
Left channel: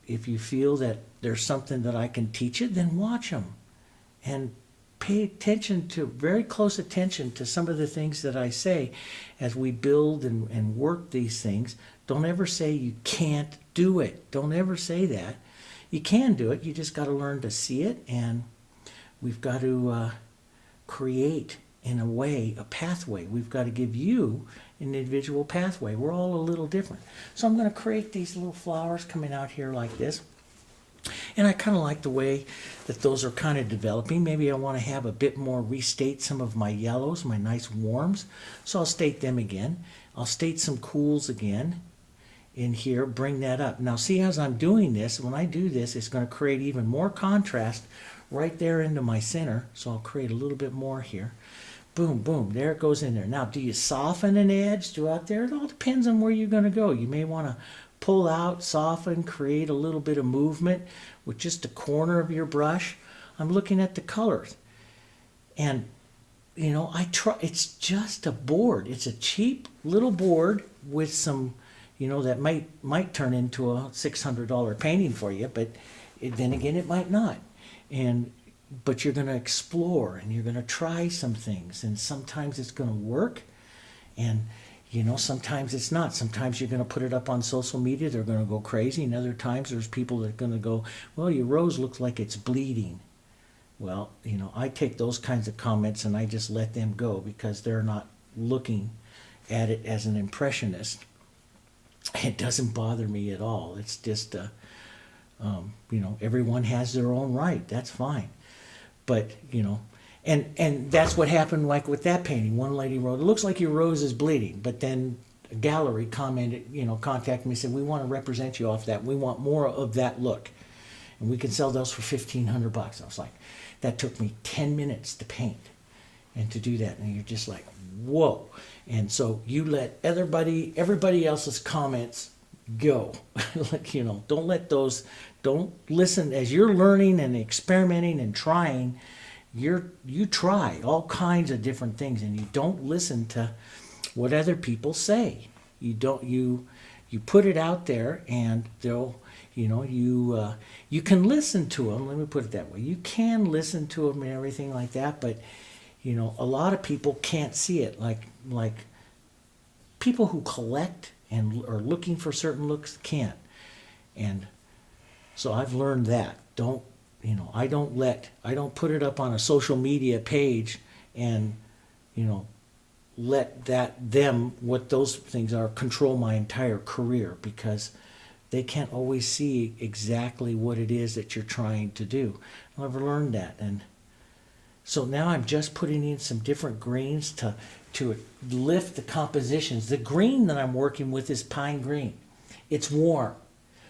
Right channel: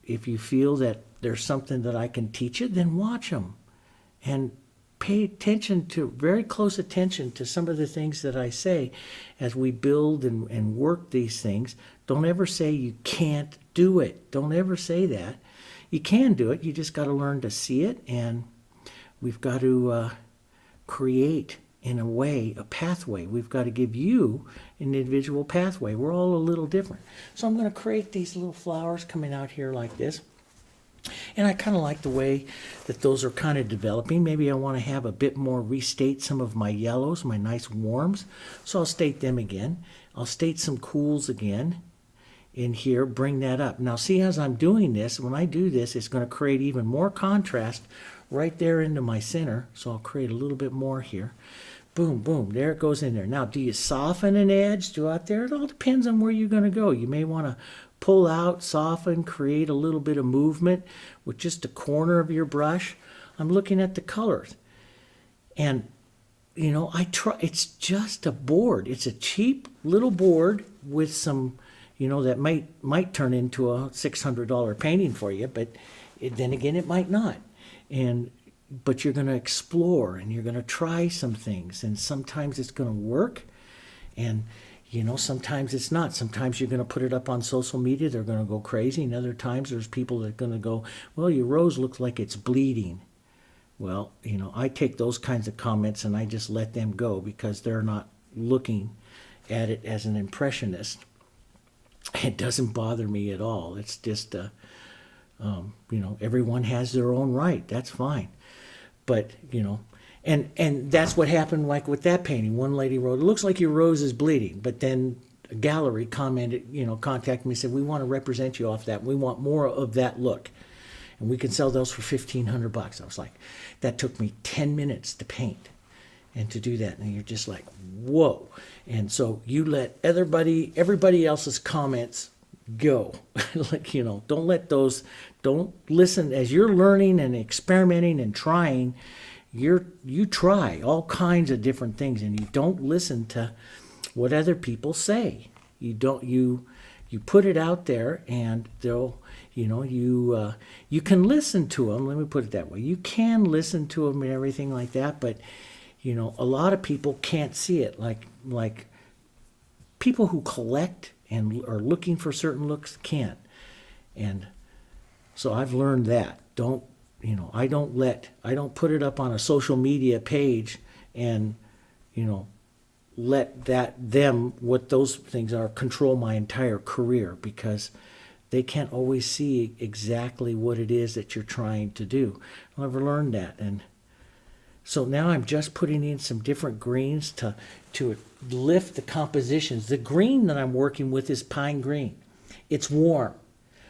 if you feel that there's something that I can teach you, then watch them. And pay attention to, very close attention to some of the things that I say as we build and work these things. Don't ever say you can't do it. Don't ever say that. You can do it. You just got to learn to see it, and we've got to create, in a way, a pathway. We've got to give you an individual pathway. We're all a little different. So I'm going to create these little flowers coming out here like this. And I kind of like the way that those are kind of developing. Maybe I want to have a bit more, restate some of my yellows, my nice warms. So I'll state them again. I'll state some cools again in here, bring that up. Now see, as I'm doing this, when I do this, it's going to create even more contrast right there into my center. So I'll create a little bit more here. Boom, boom, there it goes in there. Now, do you soften an edge throughout there? It all depends on where you're going to go. You may want to pull out, soften, create a little bit of movement with just the corner of your brush. I'm looking at the colors. And, you know, it's just a board. It's a cheap little board with some, you know, that might turn into a $600 painting for you, but then again, it might not. But you're going to explore, and you're going to try some things, and sometimes it's going to work, and you know, sometimes it's not. Sometimes you're going to put it up on social media, they're going to go crazy, and other times there's people that are going to go, well, your rose looks like it's bleeding. Well, you know, I take those kinds of comments and I just let them go, because they're not looking at it as an impressionist. It doesn't bother me at all. It's just, you know, everyone has their own right. That's fine. But, you know, and that's what happened like with that painting. One lady wrote, it looks like your rose is bleeding. But then a gallery commented, you know, contacted me and said, we want to represent you off that. We want more of that look. And we can sell those for $1,500. I was like, that took me 10 minutes to paint and to do that. And you're just like, whoa. And so you let everybody else's comments go. Like, you know, don't listen as you're learning and experimenting and trying. You try all kinds of different things, and you don't listen to what other people say. You put it out there, and they'll, you know, you can listen to them. Let me put it that way. You can listen to them and everything like that, but you know, a lot of people can't see it. Like people who collect and are looking for certain looks can't. And so I've learned that. I don't put it up on a social media page and, you know, let what those things are control my entire career, because they can't always see exactly what it is that you're trying to do. I've learned that. And so now I'm just putting in some different greens to lift the compositions. The green that I'm working with is pine green. It's warm.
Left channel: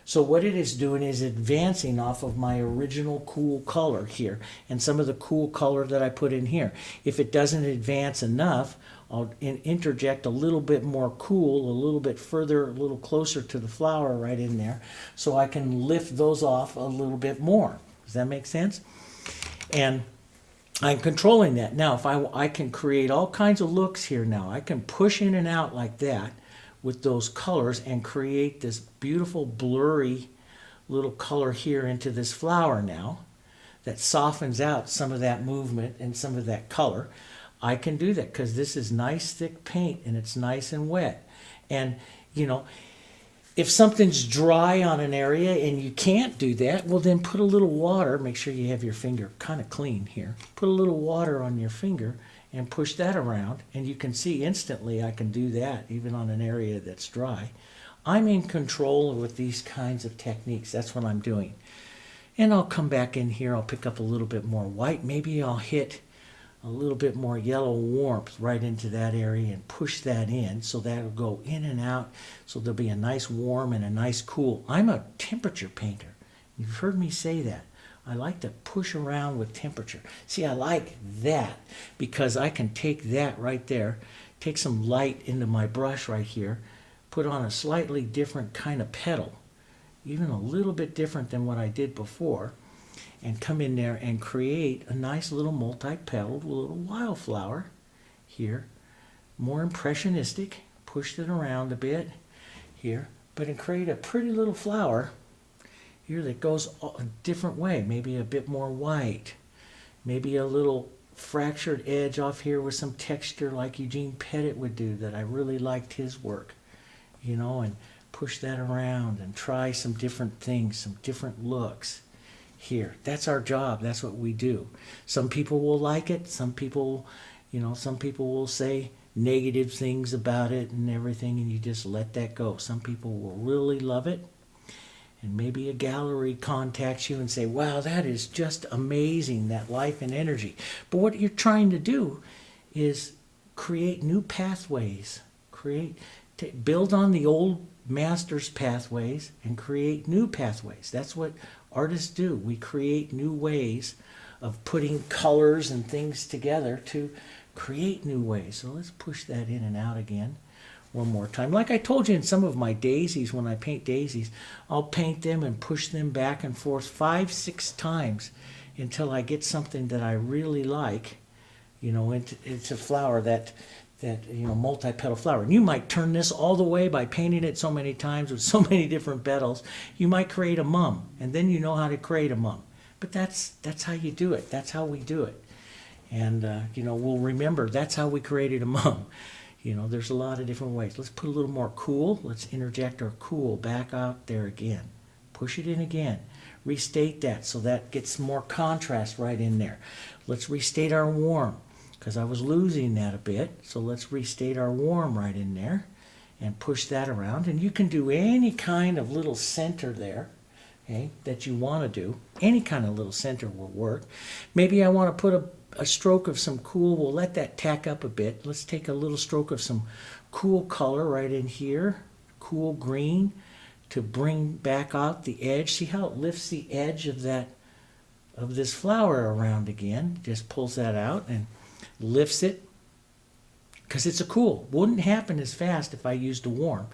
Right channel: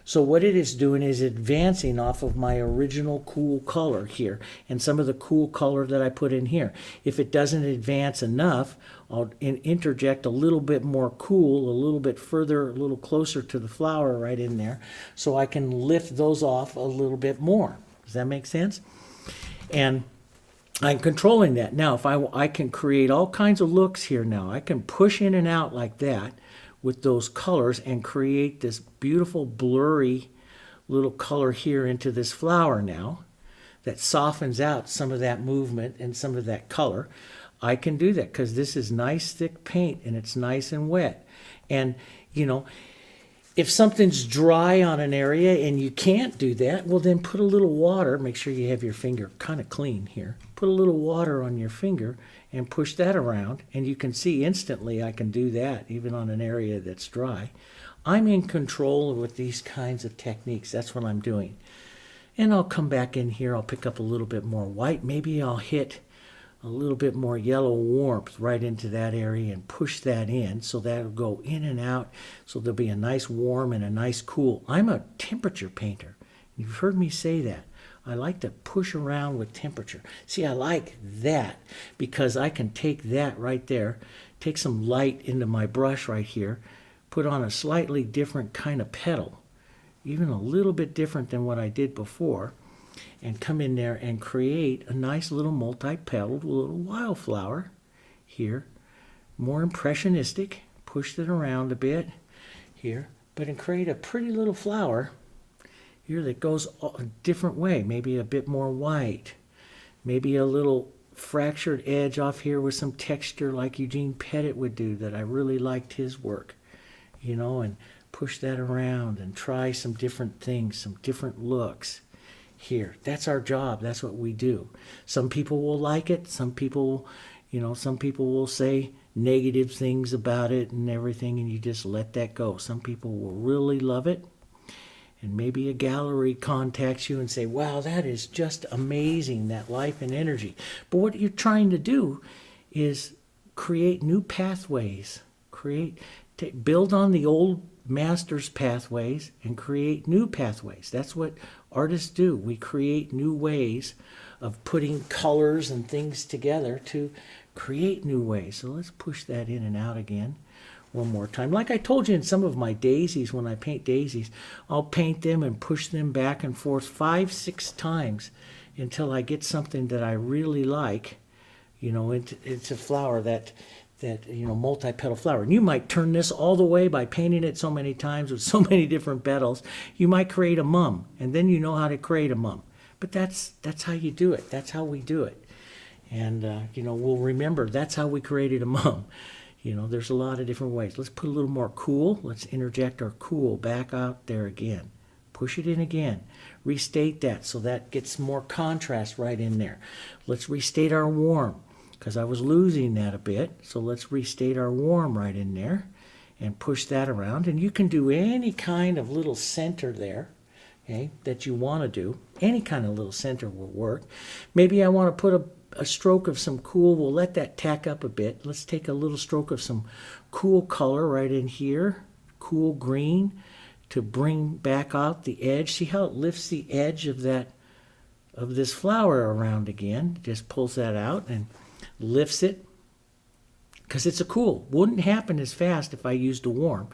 So what it is doing is advancing off of my original cool color here and some of the cool color that I put in here. If it doesn't advance enough, I'll interject a little bit more cool, a little bit further, a little closer to the flower right in there, so I can lift those off a little bit more. Does that make sense? And I'm controlling that. Now, if I can create all kinds of looks here now. I can push in and out like that with those colors and create this beautiful blurry little color here into this flower now that softens out some of that movement and some of that color. I can do that because this is nice thick paint and it's nice and wet. And, you know, if something's dry on an area and you can't do that, well, then put a little water. Make sure you have your finger kind of clean here. Put a little water on your finger and push that around, and you can see instantly I can do that even on an area that's dry. I'm in control with these kinds of techniques. That's what I'm doing. And I'll come back in here. I'll pick up a little bit more white. Maybe I'll hit a little bit more yellow warmth right into that area and push that in, so that'll go in and out, so there'll be a nice warm and a nice cool. I'm a temperature painter. You've heard me say that. I like to push around with temperature. See, I like that because I can take that right there, take some light into my brush right here, put on a slightly different kind of petal, even a little bit different than what I did before, and come in there and create a nice little multi-petaled little wildflower here. More impressionistic, push it around a bit here, but and create a pretty little flower here that goes a different way, maybe a bit more white, maybe a little fractured edge off here with some texture like Eugene Pettit would do, that I really liked his work, you know, and push that around and try some different things, some different looks here. That's our job. That's what we do. Some people will like it. Some people, you know, some people will say negative things about it and everything, and you just let that go. Some people will really love it, and maybe a gallery contacts you and say, wow, that is just amazing, that life and energy. But what you're trying to do is create new pathways, build on the old master's pathways and create new pathways. That's what artists do. We create new ways of putting colors and things together to create new ways. So let's push that in and out again one more time. Like I told you in some of my daisies, when I paint daisies, I'll paint them and push them back and forth 5-6 times until I get something that I really like, you know, it's a flower that you know, multi-petal flower. And you might turn this all the way by painting it so many times with so many different petals. You might create a mum, and then you know how to create a mum. But that's how you do it. That's how we do it. And, you know, we'll remember that's how we created a mum. You know, there's a lot of different ways. Let's put a little more cool. Let's interject our cool back out there again. Push it in again. Restate that so that gets more contrast right in there. Let's restate our warm, because I was losing that a bit. So let's restate our warm right in there and push that around. And you can do any kind of little center there, okay, that you want to do. Any kind of little center will work. Maybe I want to put a stroke of some cool. We'll let that tack up a bit. Let's take a little stroke of some cool color right in here, cool green, to bring back out the edge. See how it lifts the edge of this flower around again. Just pulls that out and lifts it, because it's a cool. Wouldn't happen as fast if I used a warm,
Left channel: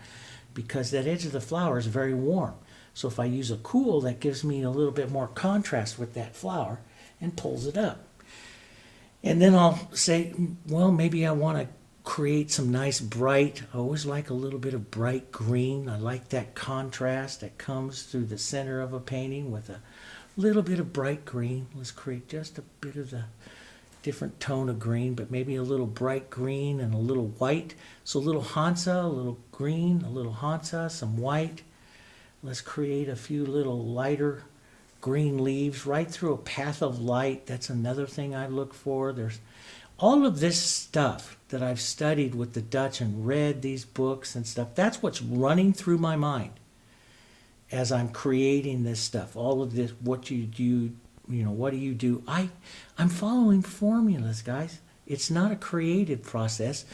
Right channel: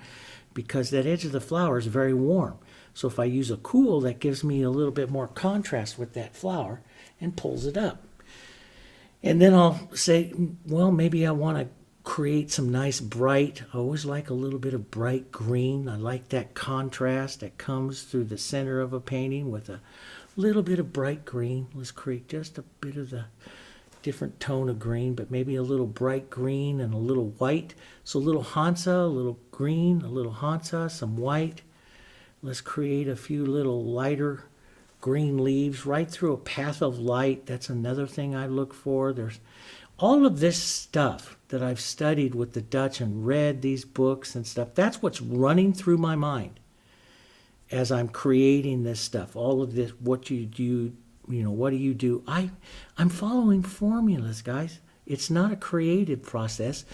because that edge of the flower is very warm. So if I use a cool, that gives me a little bit more contrast with that flower and pulls it up. And then I'll say, well, maybe I want to create some nice bright. I always like a little bit of bright green. I like that contrast that comes through the center of a painting with a little bit of bright green. Let's create just a bit of the different tone of green, but maybe a little bright green and a little white. So a little Hansa, a little green, a little Hansa, some white. Let's create a few little lighter green leaves right through a path of light. That's another thing I look for. There's all of this stuff that I've studied with the Dutch and read these books and stuff. That's what's running through my mind as I'm creating this stuff. All of this, what you do, you know, what do you do? I'm following formulas, guys. It's not a creative process.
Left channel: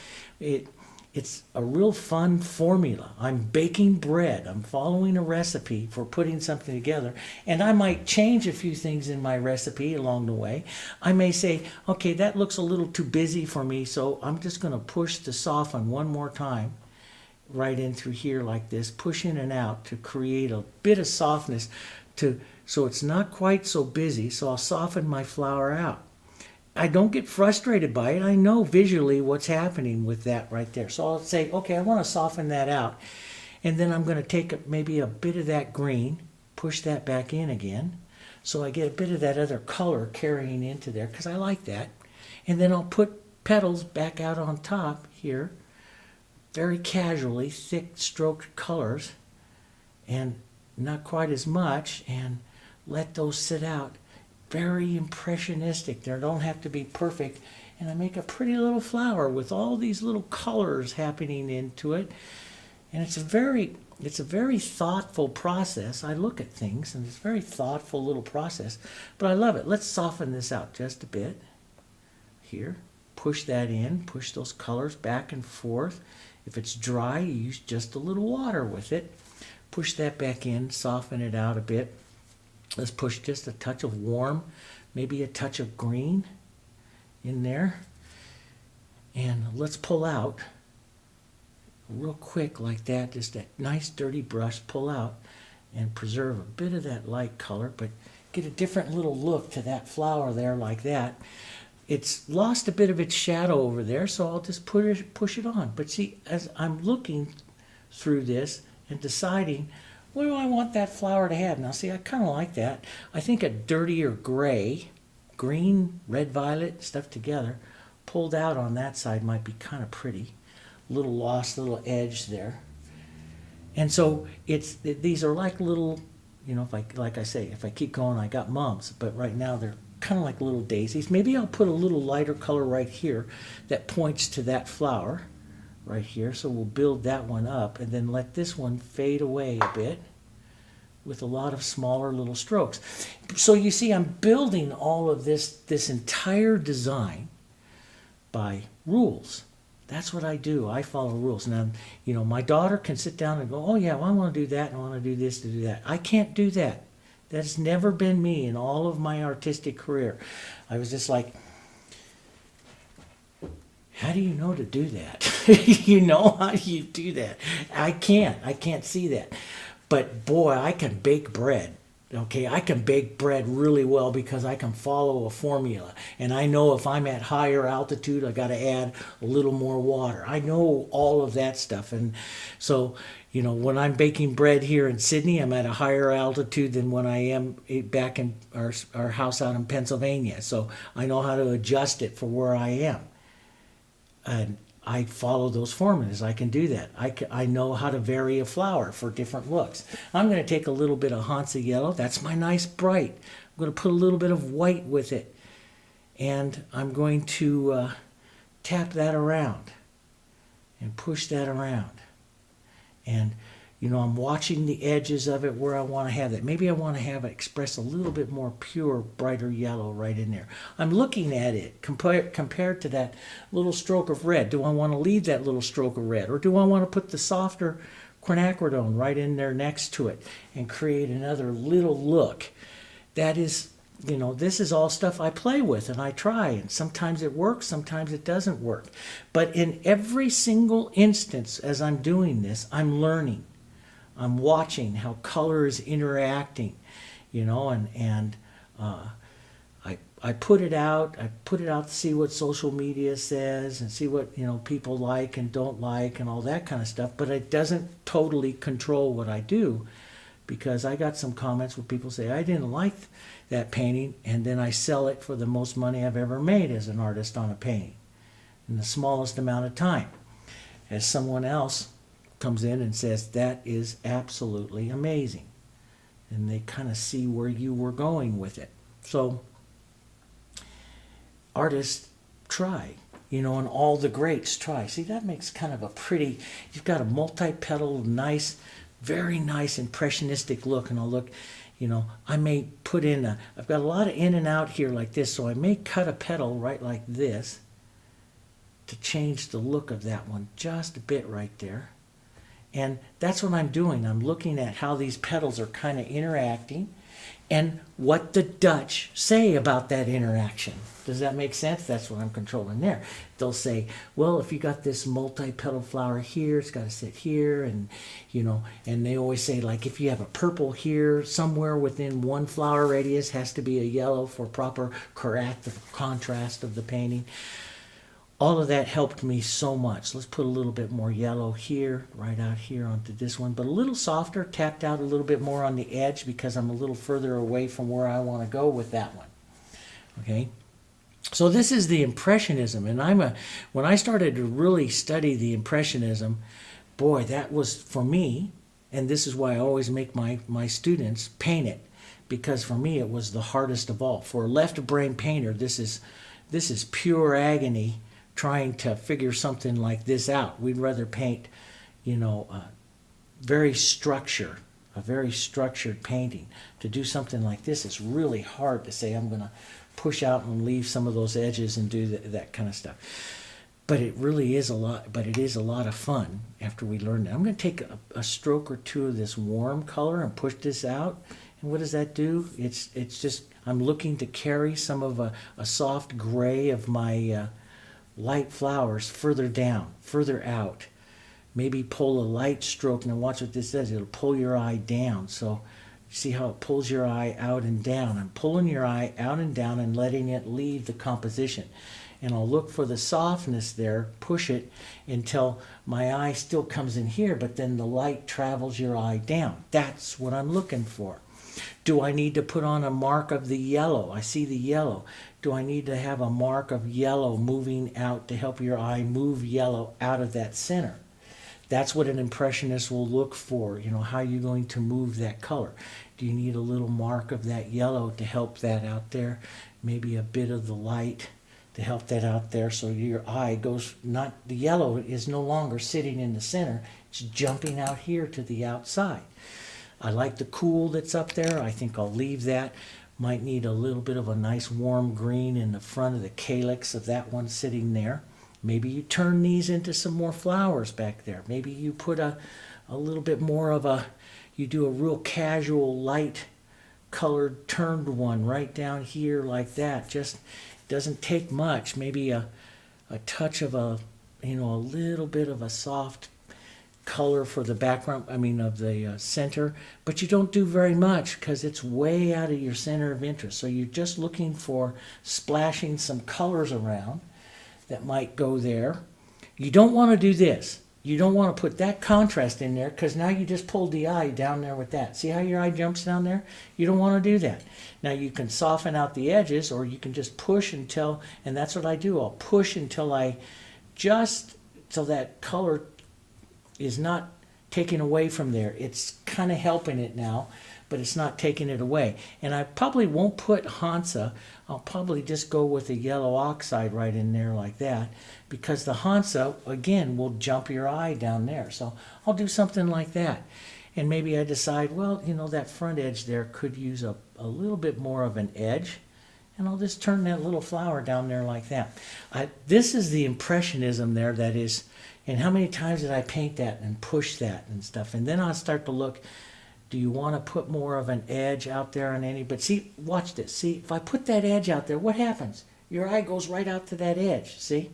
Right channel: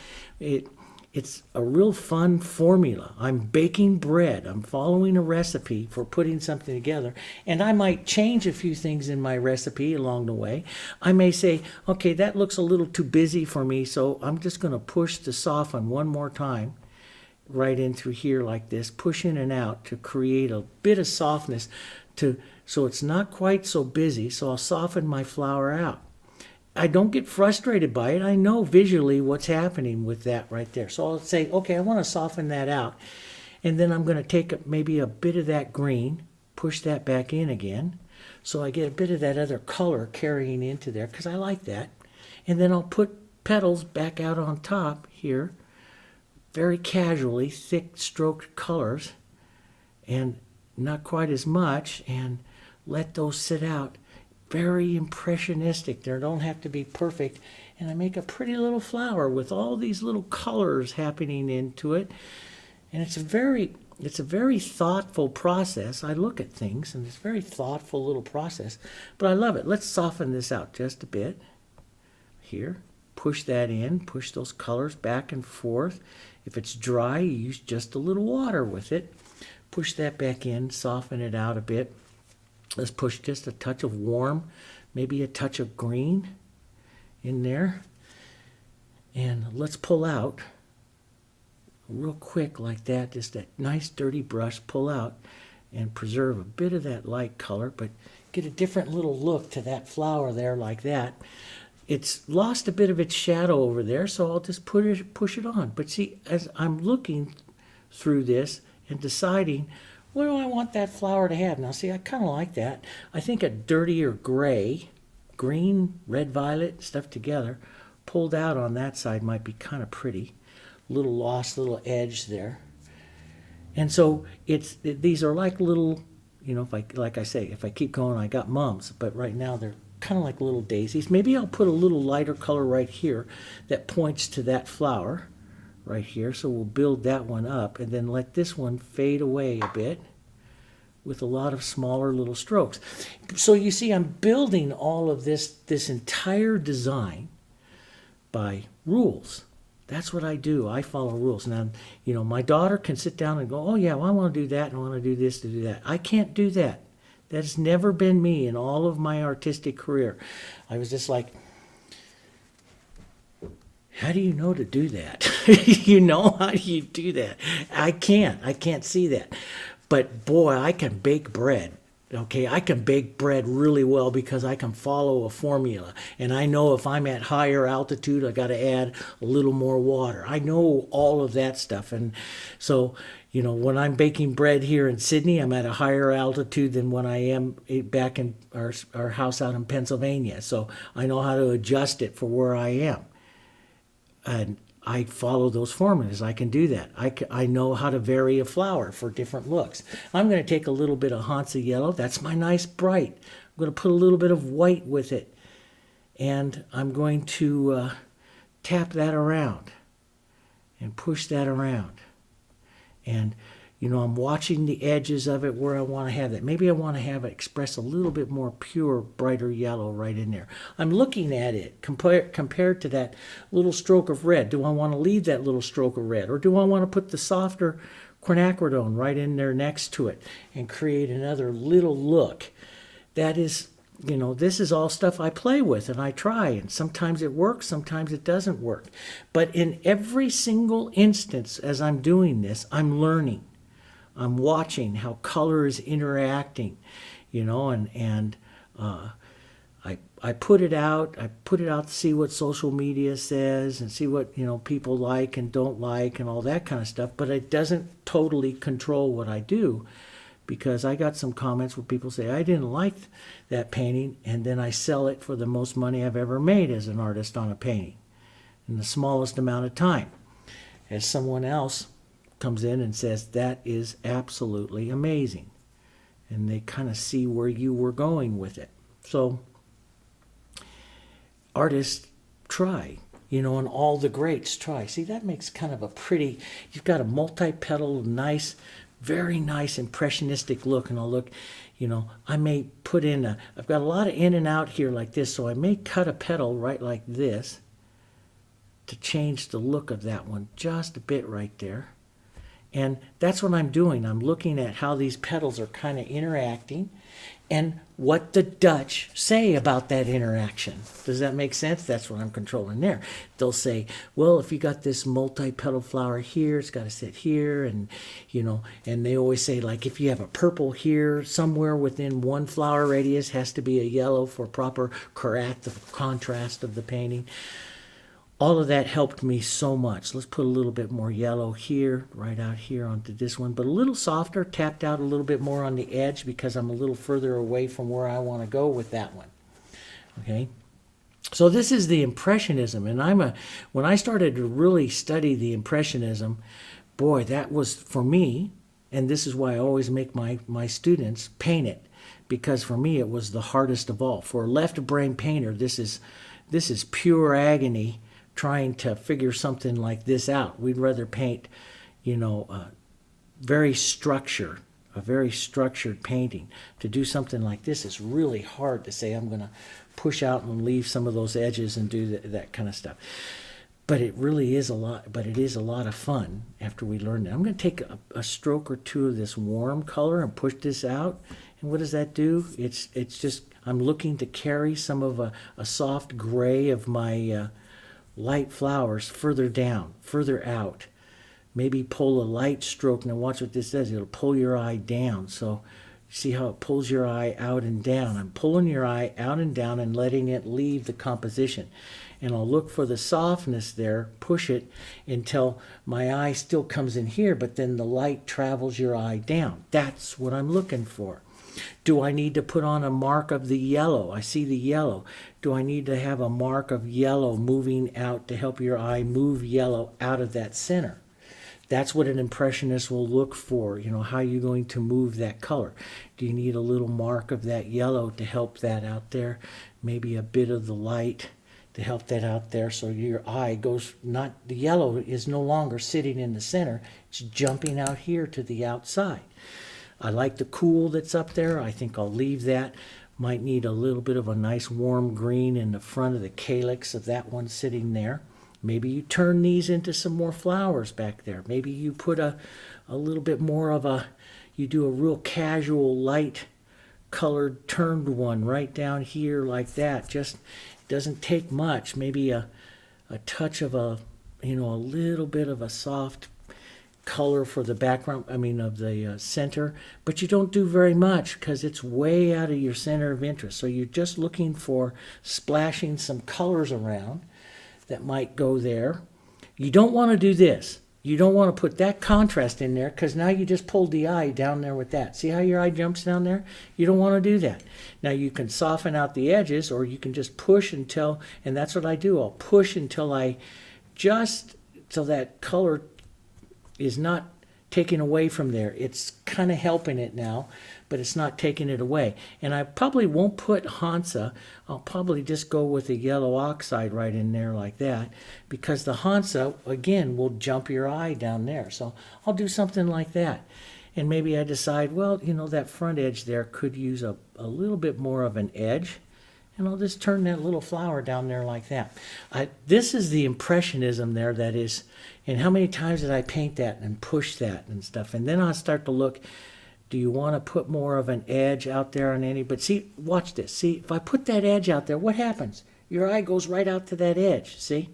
It's a real fun formula. I'm baking bread. I'm following a recipe for putting something together. And I might change a few things in my recipe along the way. I may say, okay, that looks a little too busy for me, so I'm just going to push to soften one more time right in through here like this, push in and out to create a bit of softness so it's not quite so busy, so I'll soften my flower out. I don't get frustrated by it. I know visually what's happening with that right there. So I'll say, okay, I want to soften that out. And then I'm going to take maybe a bit of that green, push that back in again, so I get a bit of that other color carrying into there, because I like that. And then I'll put petals back out on top here, very casually, thick stroked colors, and not quite as much, and let those sit out. Very impressionistic. They don't have to be perfect. And I make a pretty little flower with all these little colors happening into it. And it's a very thoughtful process. I look at things, and it's a very thoughtful little process. But I love it. Let's soften this out just a bit. Here. Push that in. Push those colors back and forth. If it's dry, you use just a little water with it. Push that back in. Soften it out a bit. Let's push just a touch of warm, maybe a touch of green in there. And let's pull out real quick like that, just that nice dirty brush, pull out and preserve a bit of that light color, but get a different little look to that flower there like that. It's lost a bit of its shadow over there, so I'll just push it on. But see, as I'm looking through this and deciding, what do I want that flower to have? Now, see, I kind of like that. I think a dirtier gray green, red, violet stuff together, pulled out on that side might be kind of pretty. Little lost, little edge there. And so these are like little, like I say, if I keep going, I got mums. But right now they're kind of like little daisies. Maybe I'll put a little lighter color right here that points to that flower right here. So we'll build that one up and then let this one fade away a bit with a lot of smaller little strokes. So you see, I'm building all of this entire design by rules. That's what I do. I follow rules. Now, my daughter can sit down and go, oh yeah, well, I want to do that, and I want to do this, to do that. I can't do that. That has never been me in all of my artistic career. I was just like, how do you know to do that? How do you do that? I can't see that. But boy, I can bake bread. Okay, I can bake bread really well because I can follow a formula. And I know if I'm at higher altitude, I got to add a little more water. I know all of that stuff. And so, when I'm baking bread here in Sydney, I'm at a higher altitude than when I am back in our house out in Pennsylvania. So I know how to adjust it for where I am. And I follow those formulas. I can do that. I know how to vary a flower for different looks. I'm going to take a little bit of Hansa yellow. That's my nice bright. I'm going to put a little bit of white with it. And I'm going to tap that around and push that around. And, I'm watching the edges of it where I want to have that. Maybe I want to have it express a little bit more pure, brighter yellow right in there. I'm looking at it compared to that little stroke of red. Do I want to leave that little stroke of red? Or do I want to put the softer quinacridone right in there next to it and create another little look? That is, this is all stuff I play with and I try. And sometimes it works, sometimes it doesn't work. But in every single instance as I'm doing this, I'm learning. I'm watching how color is interacting, and I put it out. I put it out to see what social media says and see what people like and don't like and all that kind of stuff. But it doesn't totally control what I do, because I got some comments where people say I didn't like that painting, and then I sell it for the most money I've ever made as an artist on a painting in the smallest amount of time. As someone else comes in and says, that is absolutely amazing. And they kind of see where you were going with it. So artists try, and all the greats try. See, that makes kind of a pretty, you've got a multi-petal, nice, very nice impressionistic look. And I'll look, I may put in I've got a lot of in and out here like this, so I may cut a petal right like this to change the look of that one just a bit right there. And that's what I'm doing. I'm looking at how these petals are kind of interacting and what the Dutch say about that interaction. Does that make sense? That's what I'm controlling there. They'll say, well, if you got this multi-petal flower here, it's got to sit here. And, and they always say, like, if you have a purple here, somewhere within one flower radius has to be a yellow for proper correct contrast of the painting. All of that helped me so much. Let's put a little bit more yellow here, right out here onto this one, but a little softer, tapped out a little bit more on the edge because I'm a little further away from where I want to go with that one. Okay, so this is the Impressionism, and when I started to really study the Impressionism, boy, that was for me, and this is why I always make my students paint it, because for me it was the hardest of all. For a left-brain painter, this is pure agony. Trying to figure something like this out. We'd rather paint, a very structured painting. To do something like this is really hard to say, I'm going to push out and leave some of those edges and do that kind of stuff. But it really is a lot, but it is a lot of fun after we learn that. I'm going to take a stroke or two of this warm color and push this out. And what does that do? It's just, I'm looking to carry some of a soft gray of my light flowers further down, further out. Maybe pull a light stroke. Now watch what this does. It'll pull your eye down. So see how it pulls your eye out and down. I'm pulling your eye out and down and letting it leave the composition. And I'll look for the softness there, push it until my eye still comes in here, but then the light travels your eye down. That's what I'm looking for. Do I need to put on a mark of the yellow? I see the yellow. do I need to have a mark of yellow moving out to help your eye move yellow out of that center? That's what an impressionist will look for. How are you going to move that color? Do you need a little mark of that yellow to help that out there? Maybe a bit of the light to help that out there, so your eye goes, not, the yellow is no longer sitting in the center, it's jumping out here to the outside. I like the cool that's up there. I think I'll leave that. Might need a little bit of a nice warm green in the front of the calyx of that one sitting there. Maybe you turn these into some more flowers back there. Maybe you put a little bit more of you do a real casual light colored turned one right down here like that. Just doesn't take much. Maybe a touch of a little bit of a soft color for the background, of the center, but you don't do very much because it's way out of your center of interest. So you're just looking for splashing some colors around that might go there. You don't want to do this. You don't want to put that contrast in there, because now you just pulled the eye down there with that. See how your eye jumps down there? You don't want to do that. Now you can soften out the edges, or you can just push until, and that's what I do, I'll push until till that color is not taken away from there. It's kind of helping it now, but it's not taking it away. And I probably won't put Hansa. I'll probably just go with a yellow oxide right in there like that, because the Hansa, again, will jump your eye down there. So I'll do something like that. And maybe I decide, well, that front edge there could use a little bit more of an edge. And I'll just turn that little flower down there like that. This is the Impressionism there that is, and how many times did I paint that and push that and stuff? And then I'll start to look, do you want to put more of an edge out there on any? But see, watch this. See, if I put that edge out there, what happens? Your eye goes right out to that edge, see?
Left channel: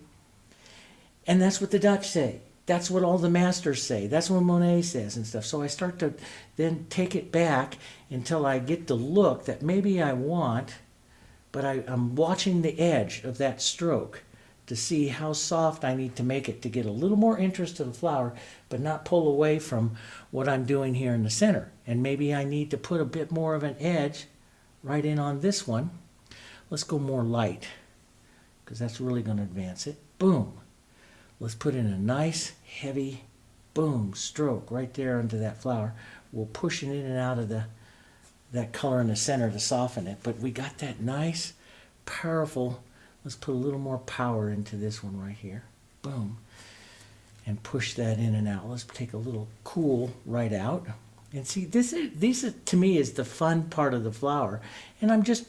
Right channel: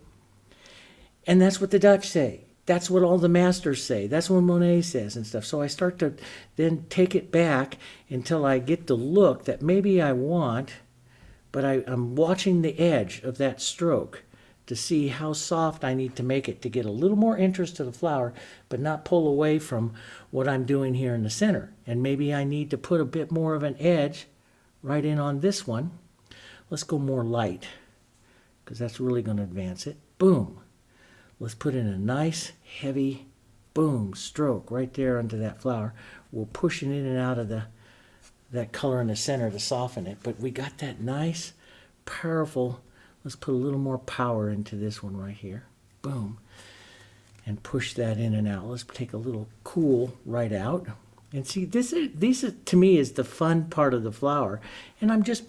And that's what the Dutch say. That's what all the masters say. That's what Monet says and stuff. So I start to then take it back until I get the look that maybe I want, but I'm watching the edge of that stroke to see how soft I need to make it to get a little more interest to the flower, but not pull away from what I'm doing here in the center. And maybe I need to put a bit more of an edge right in on this one. Let's go more light, because that's really going to advance it. Boom. Let's put in a nice, heavy, boom, stroke right there onto that flower. We'll push it in and out of that color in the center to soften it. But we got that nice, powerful. Let's put a little more power into this one right here. Boom. And push that in and out. Let's take a little cool right out. And see, this to me is the fun part of the flower. And I'm just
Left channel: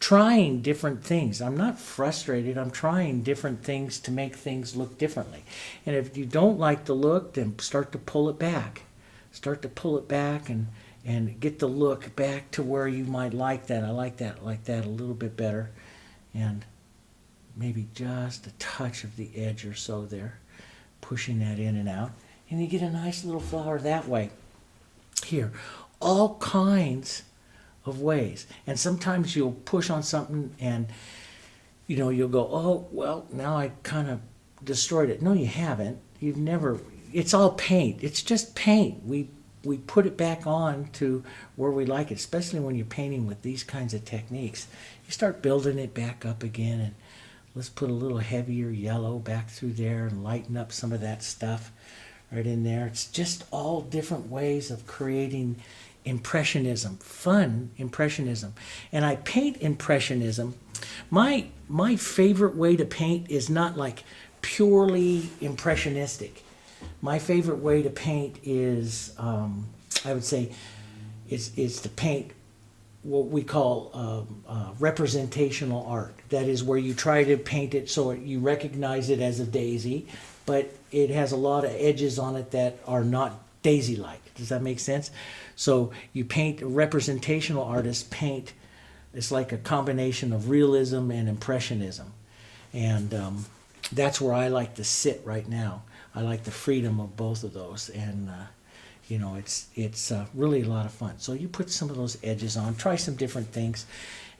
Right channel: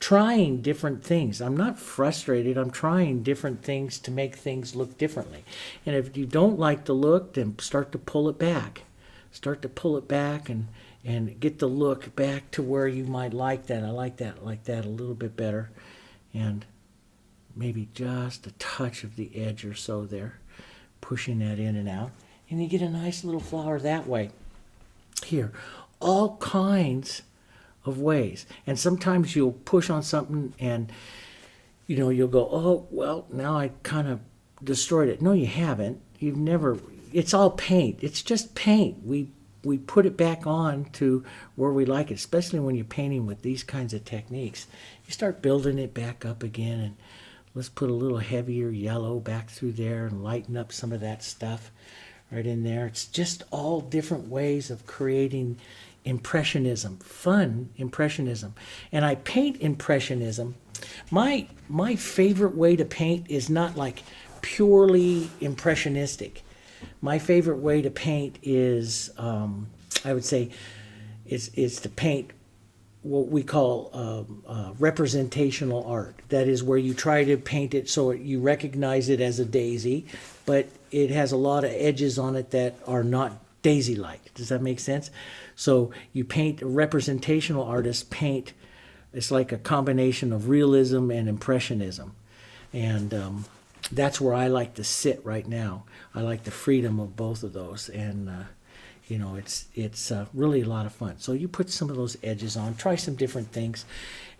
trying different things. I'm not frustrated. I'm trying different things to make things look differently. And if you don't like the look, then start to pull it back. Start to pull it back and get the look back to where you might like that. I like that a little bit better. And maybe just a touch of the edge or so there, pushing that in and out, and you get a nice little flower that way. Here, all kinds of ways. And sometimes you'll push on something and you'll go, oh, well, now I kind of destroyed it. No, you haven't. You've never. It's all paint. It's just paint. We put it back on to where we like it, especially when you're painting with these kinds of techniques. You start building it back up again, and let's put a little heavier yellow back through there and lighten up some of that stuff right in there. It's just all different ways of creating Impressionism, fun Impressionism. And I paint Impressionism. My favorite way to paint is not like purely impressionistic. My favorite way to paint is, I would say, it's to paint what we call representational art. That is where you try to paint it so you recognize it as a daisy, but it has a lot of edges on it that are not daisy-like. Does that make sense? So you paint, representational artists paint, it's like a combination of realism and impressionism. And that's where I like to sit right now. I like the freedom of both of those. And it's really a lot of fun. So you put some of those edges on, try some different things.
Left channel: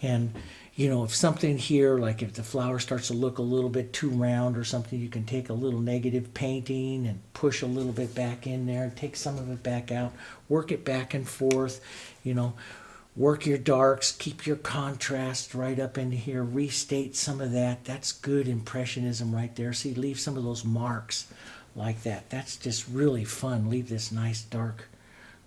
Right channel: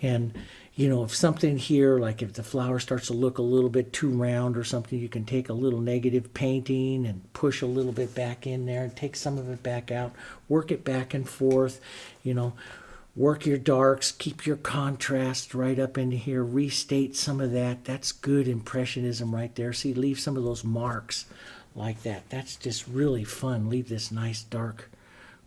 And, if something here, like if the flower starts to look a little bit too round or something, you can take a little negative painting and push a little bit back in there and take some of it back out, work it back and forth, Work your darks, keep your contrast right up into here, restate some of that. That's good Impressionism right there. See, leave some of those marks like that. That's just really fun. Leave this nice dark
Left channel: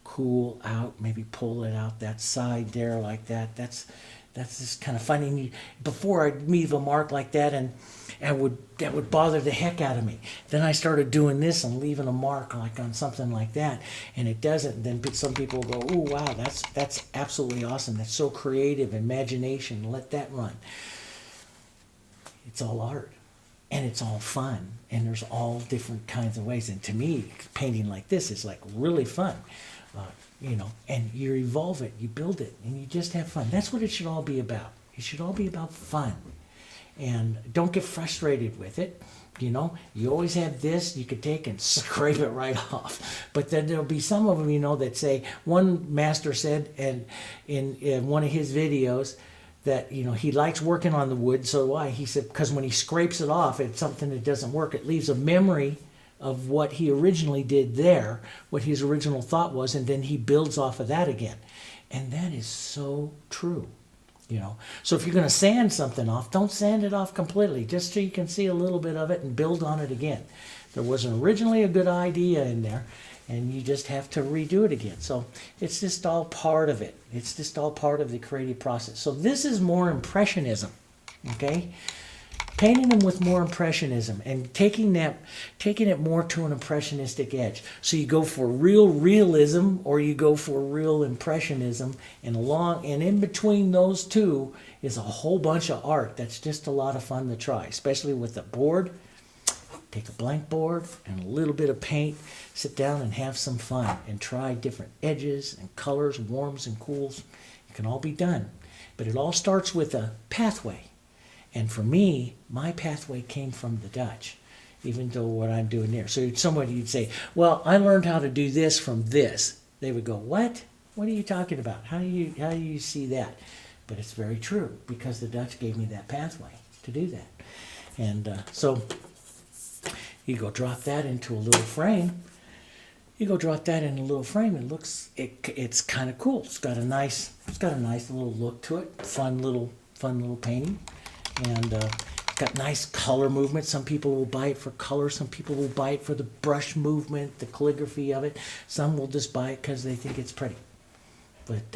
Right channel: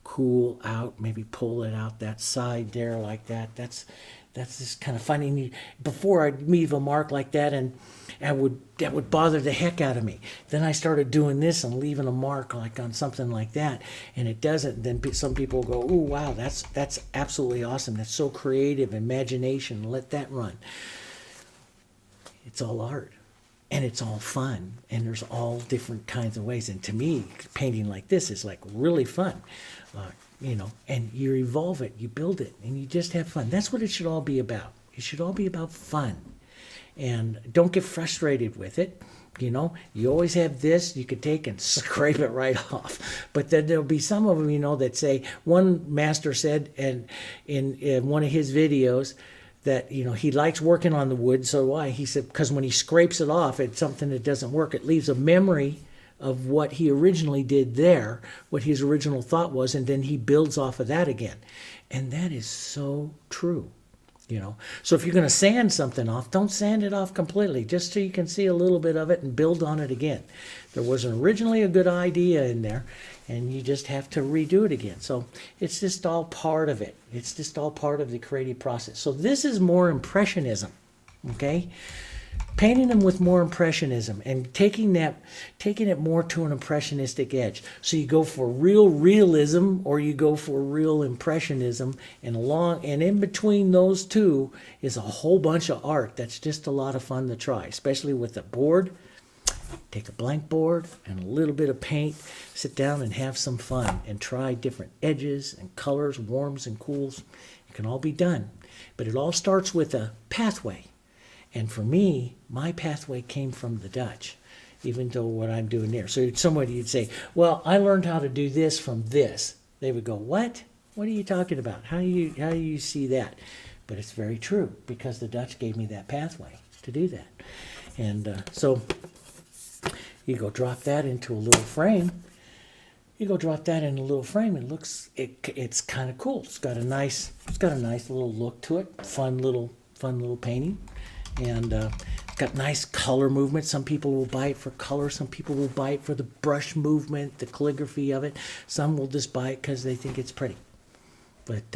cool out, maybe pull it out that side there like that. That's just kind of funny. Before I'd leave a mark like that, and that would bother the heck out of me. Then I started doing this and leaving a mark like on something like that, and it doesn't. Then some people go, "Oh wow, that's absolutely awesome. That's so creative, imagination. Let that run." It's all art, and it's all fun, and there's all different kinds of ways. And to me, painting like this is like really fun. And you evolve it, you build it, and you just have fun. That's what it should all be about. It should all be about fun. And don't get frustrated with it. You always have this you could take and scrape it right off. But then there'll be some of them, that say, one master said, and in one of his videos, that he likes working on the wood. So why? He said because when he scrapes it off, it's something that doesn't work. It leaves a memory of what he originally did there, what his original thought was, and then he builds off of that again. And that is so true. So if you're going to sand something off, don't sand it off completely, just so you can see a little bit of it and build on it again. There wasn't originally a good idea in there, and you just have to redo it again. So it's just all part of it. It's just all part of the creative process. So this is more Impressionism, okay? Painting them with more Impressionism and taking it more to an impressionistic edge. So you go for real realism or you go for real Impressionism, and in between those two is a whole bunch of art that's just a lot of fun to try, especially with a board. Take a blank board and a little bit of paint, sit down and have some fun and try different edges and colors, warms and cools. It can all be done, but it all starts with a pathway. And for me, my pathway came from the Dutch, even though what I'm doing there. So somebody would say, well, I learned how to do this from this. They would go, what? What are you talking about? How do you see that? But it's very true, because the Dutch gave me that pathway to do that. And so you go drop that into a little frame. It's kind of cool. It's got a nice little look to it. Fun little painting. And it's got nice color movement. Some people will buy it for color. Some people will buy it for the brush movement, the calligraphy of it. Some will just buy it because they think it's pretty. But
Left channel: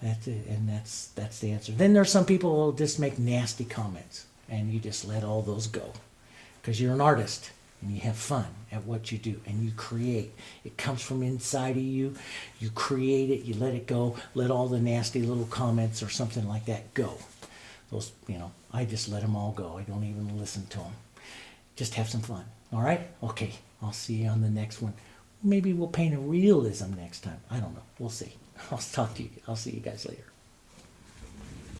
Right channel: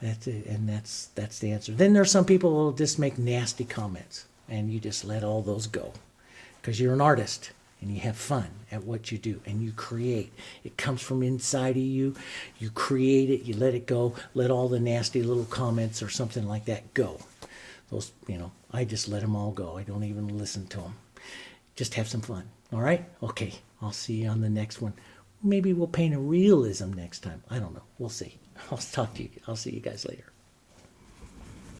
that's it, and that's the answer. Then there's some people who will just make nasty comments, and you just let all those go, because you're an artist and you have fun at what you do and you create. It comes from inside of you. You create it. You let it go. Let all the nasty little comments or something like that go. Those, I just let them all go. I don't even listen to them. Just have some fun. All right? Okay. I'll see you on the next one. Maybe we'll paint a realism next time. I don't know. We'll see. I'll see you guys later.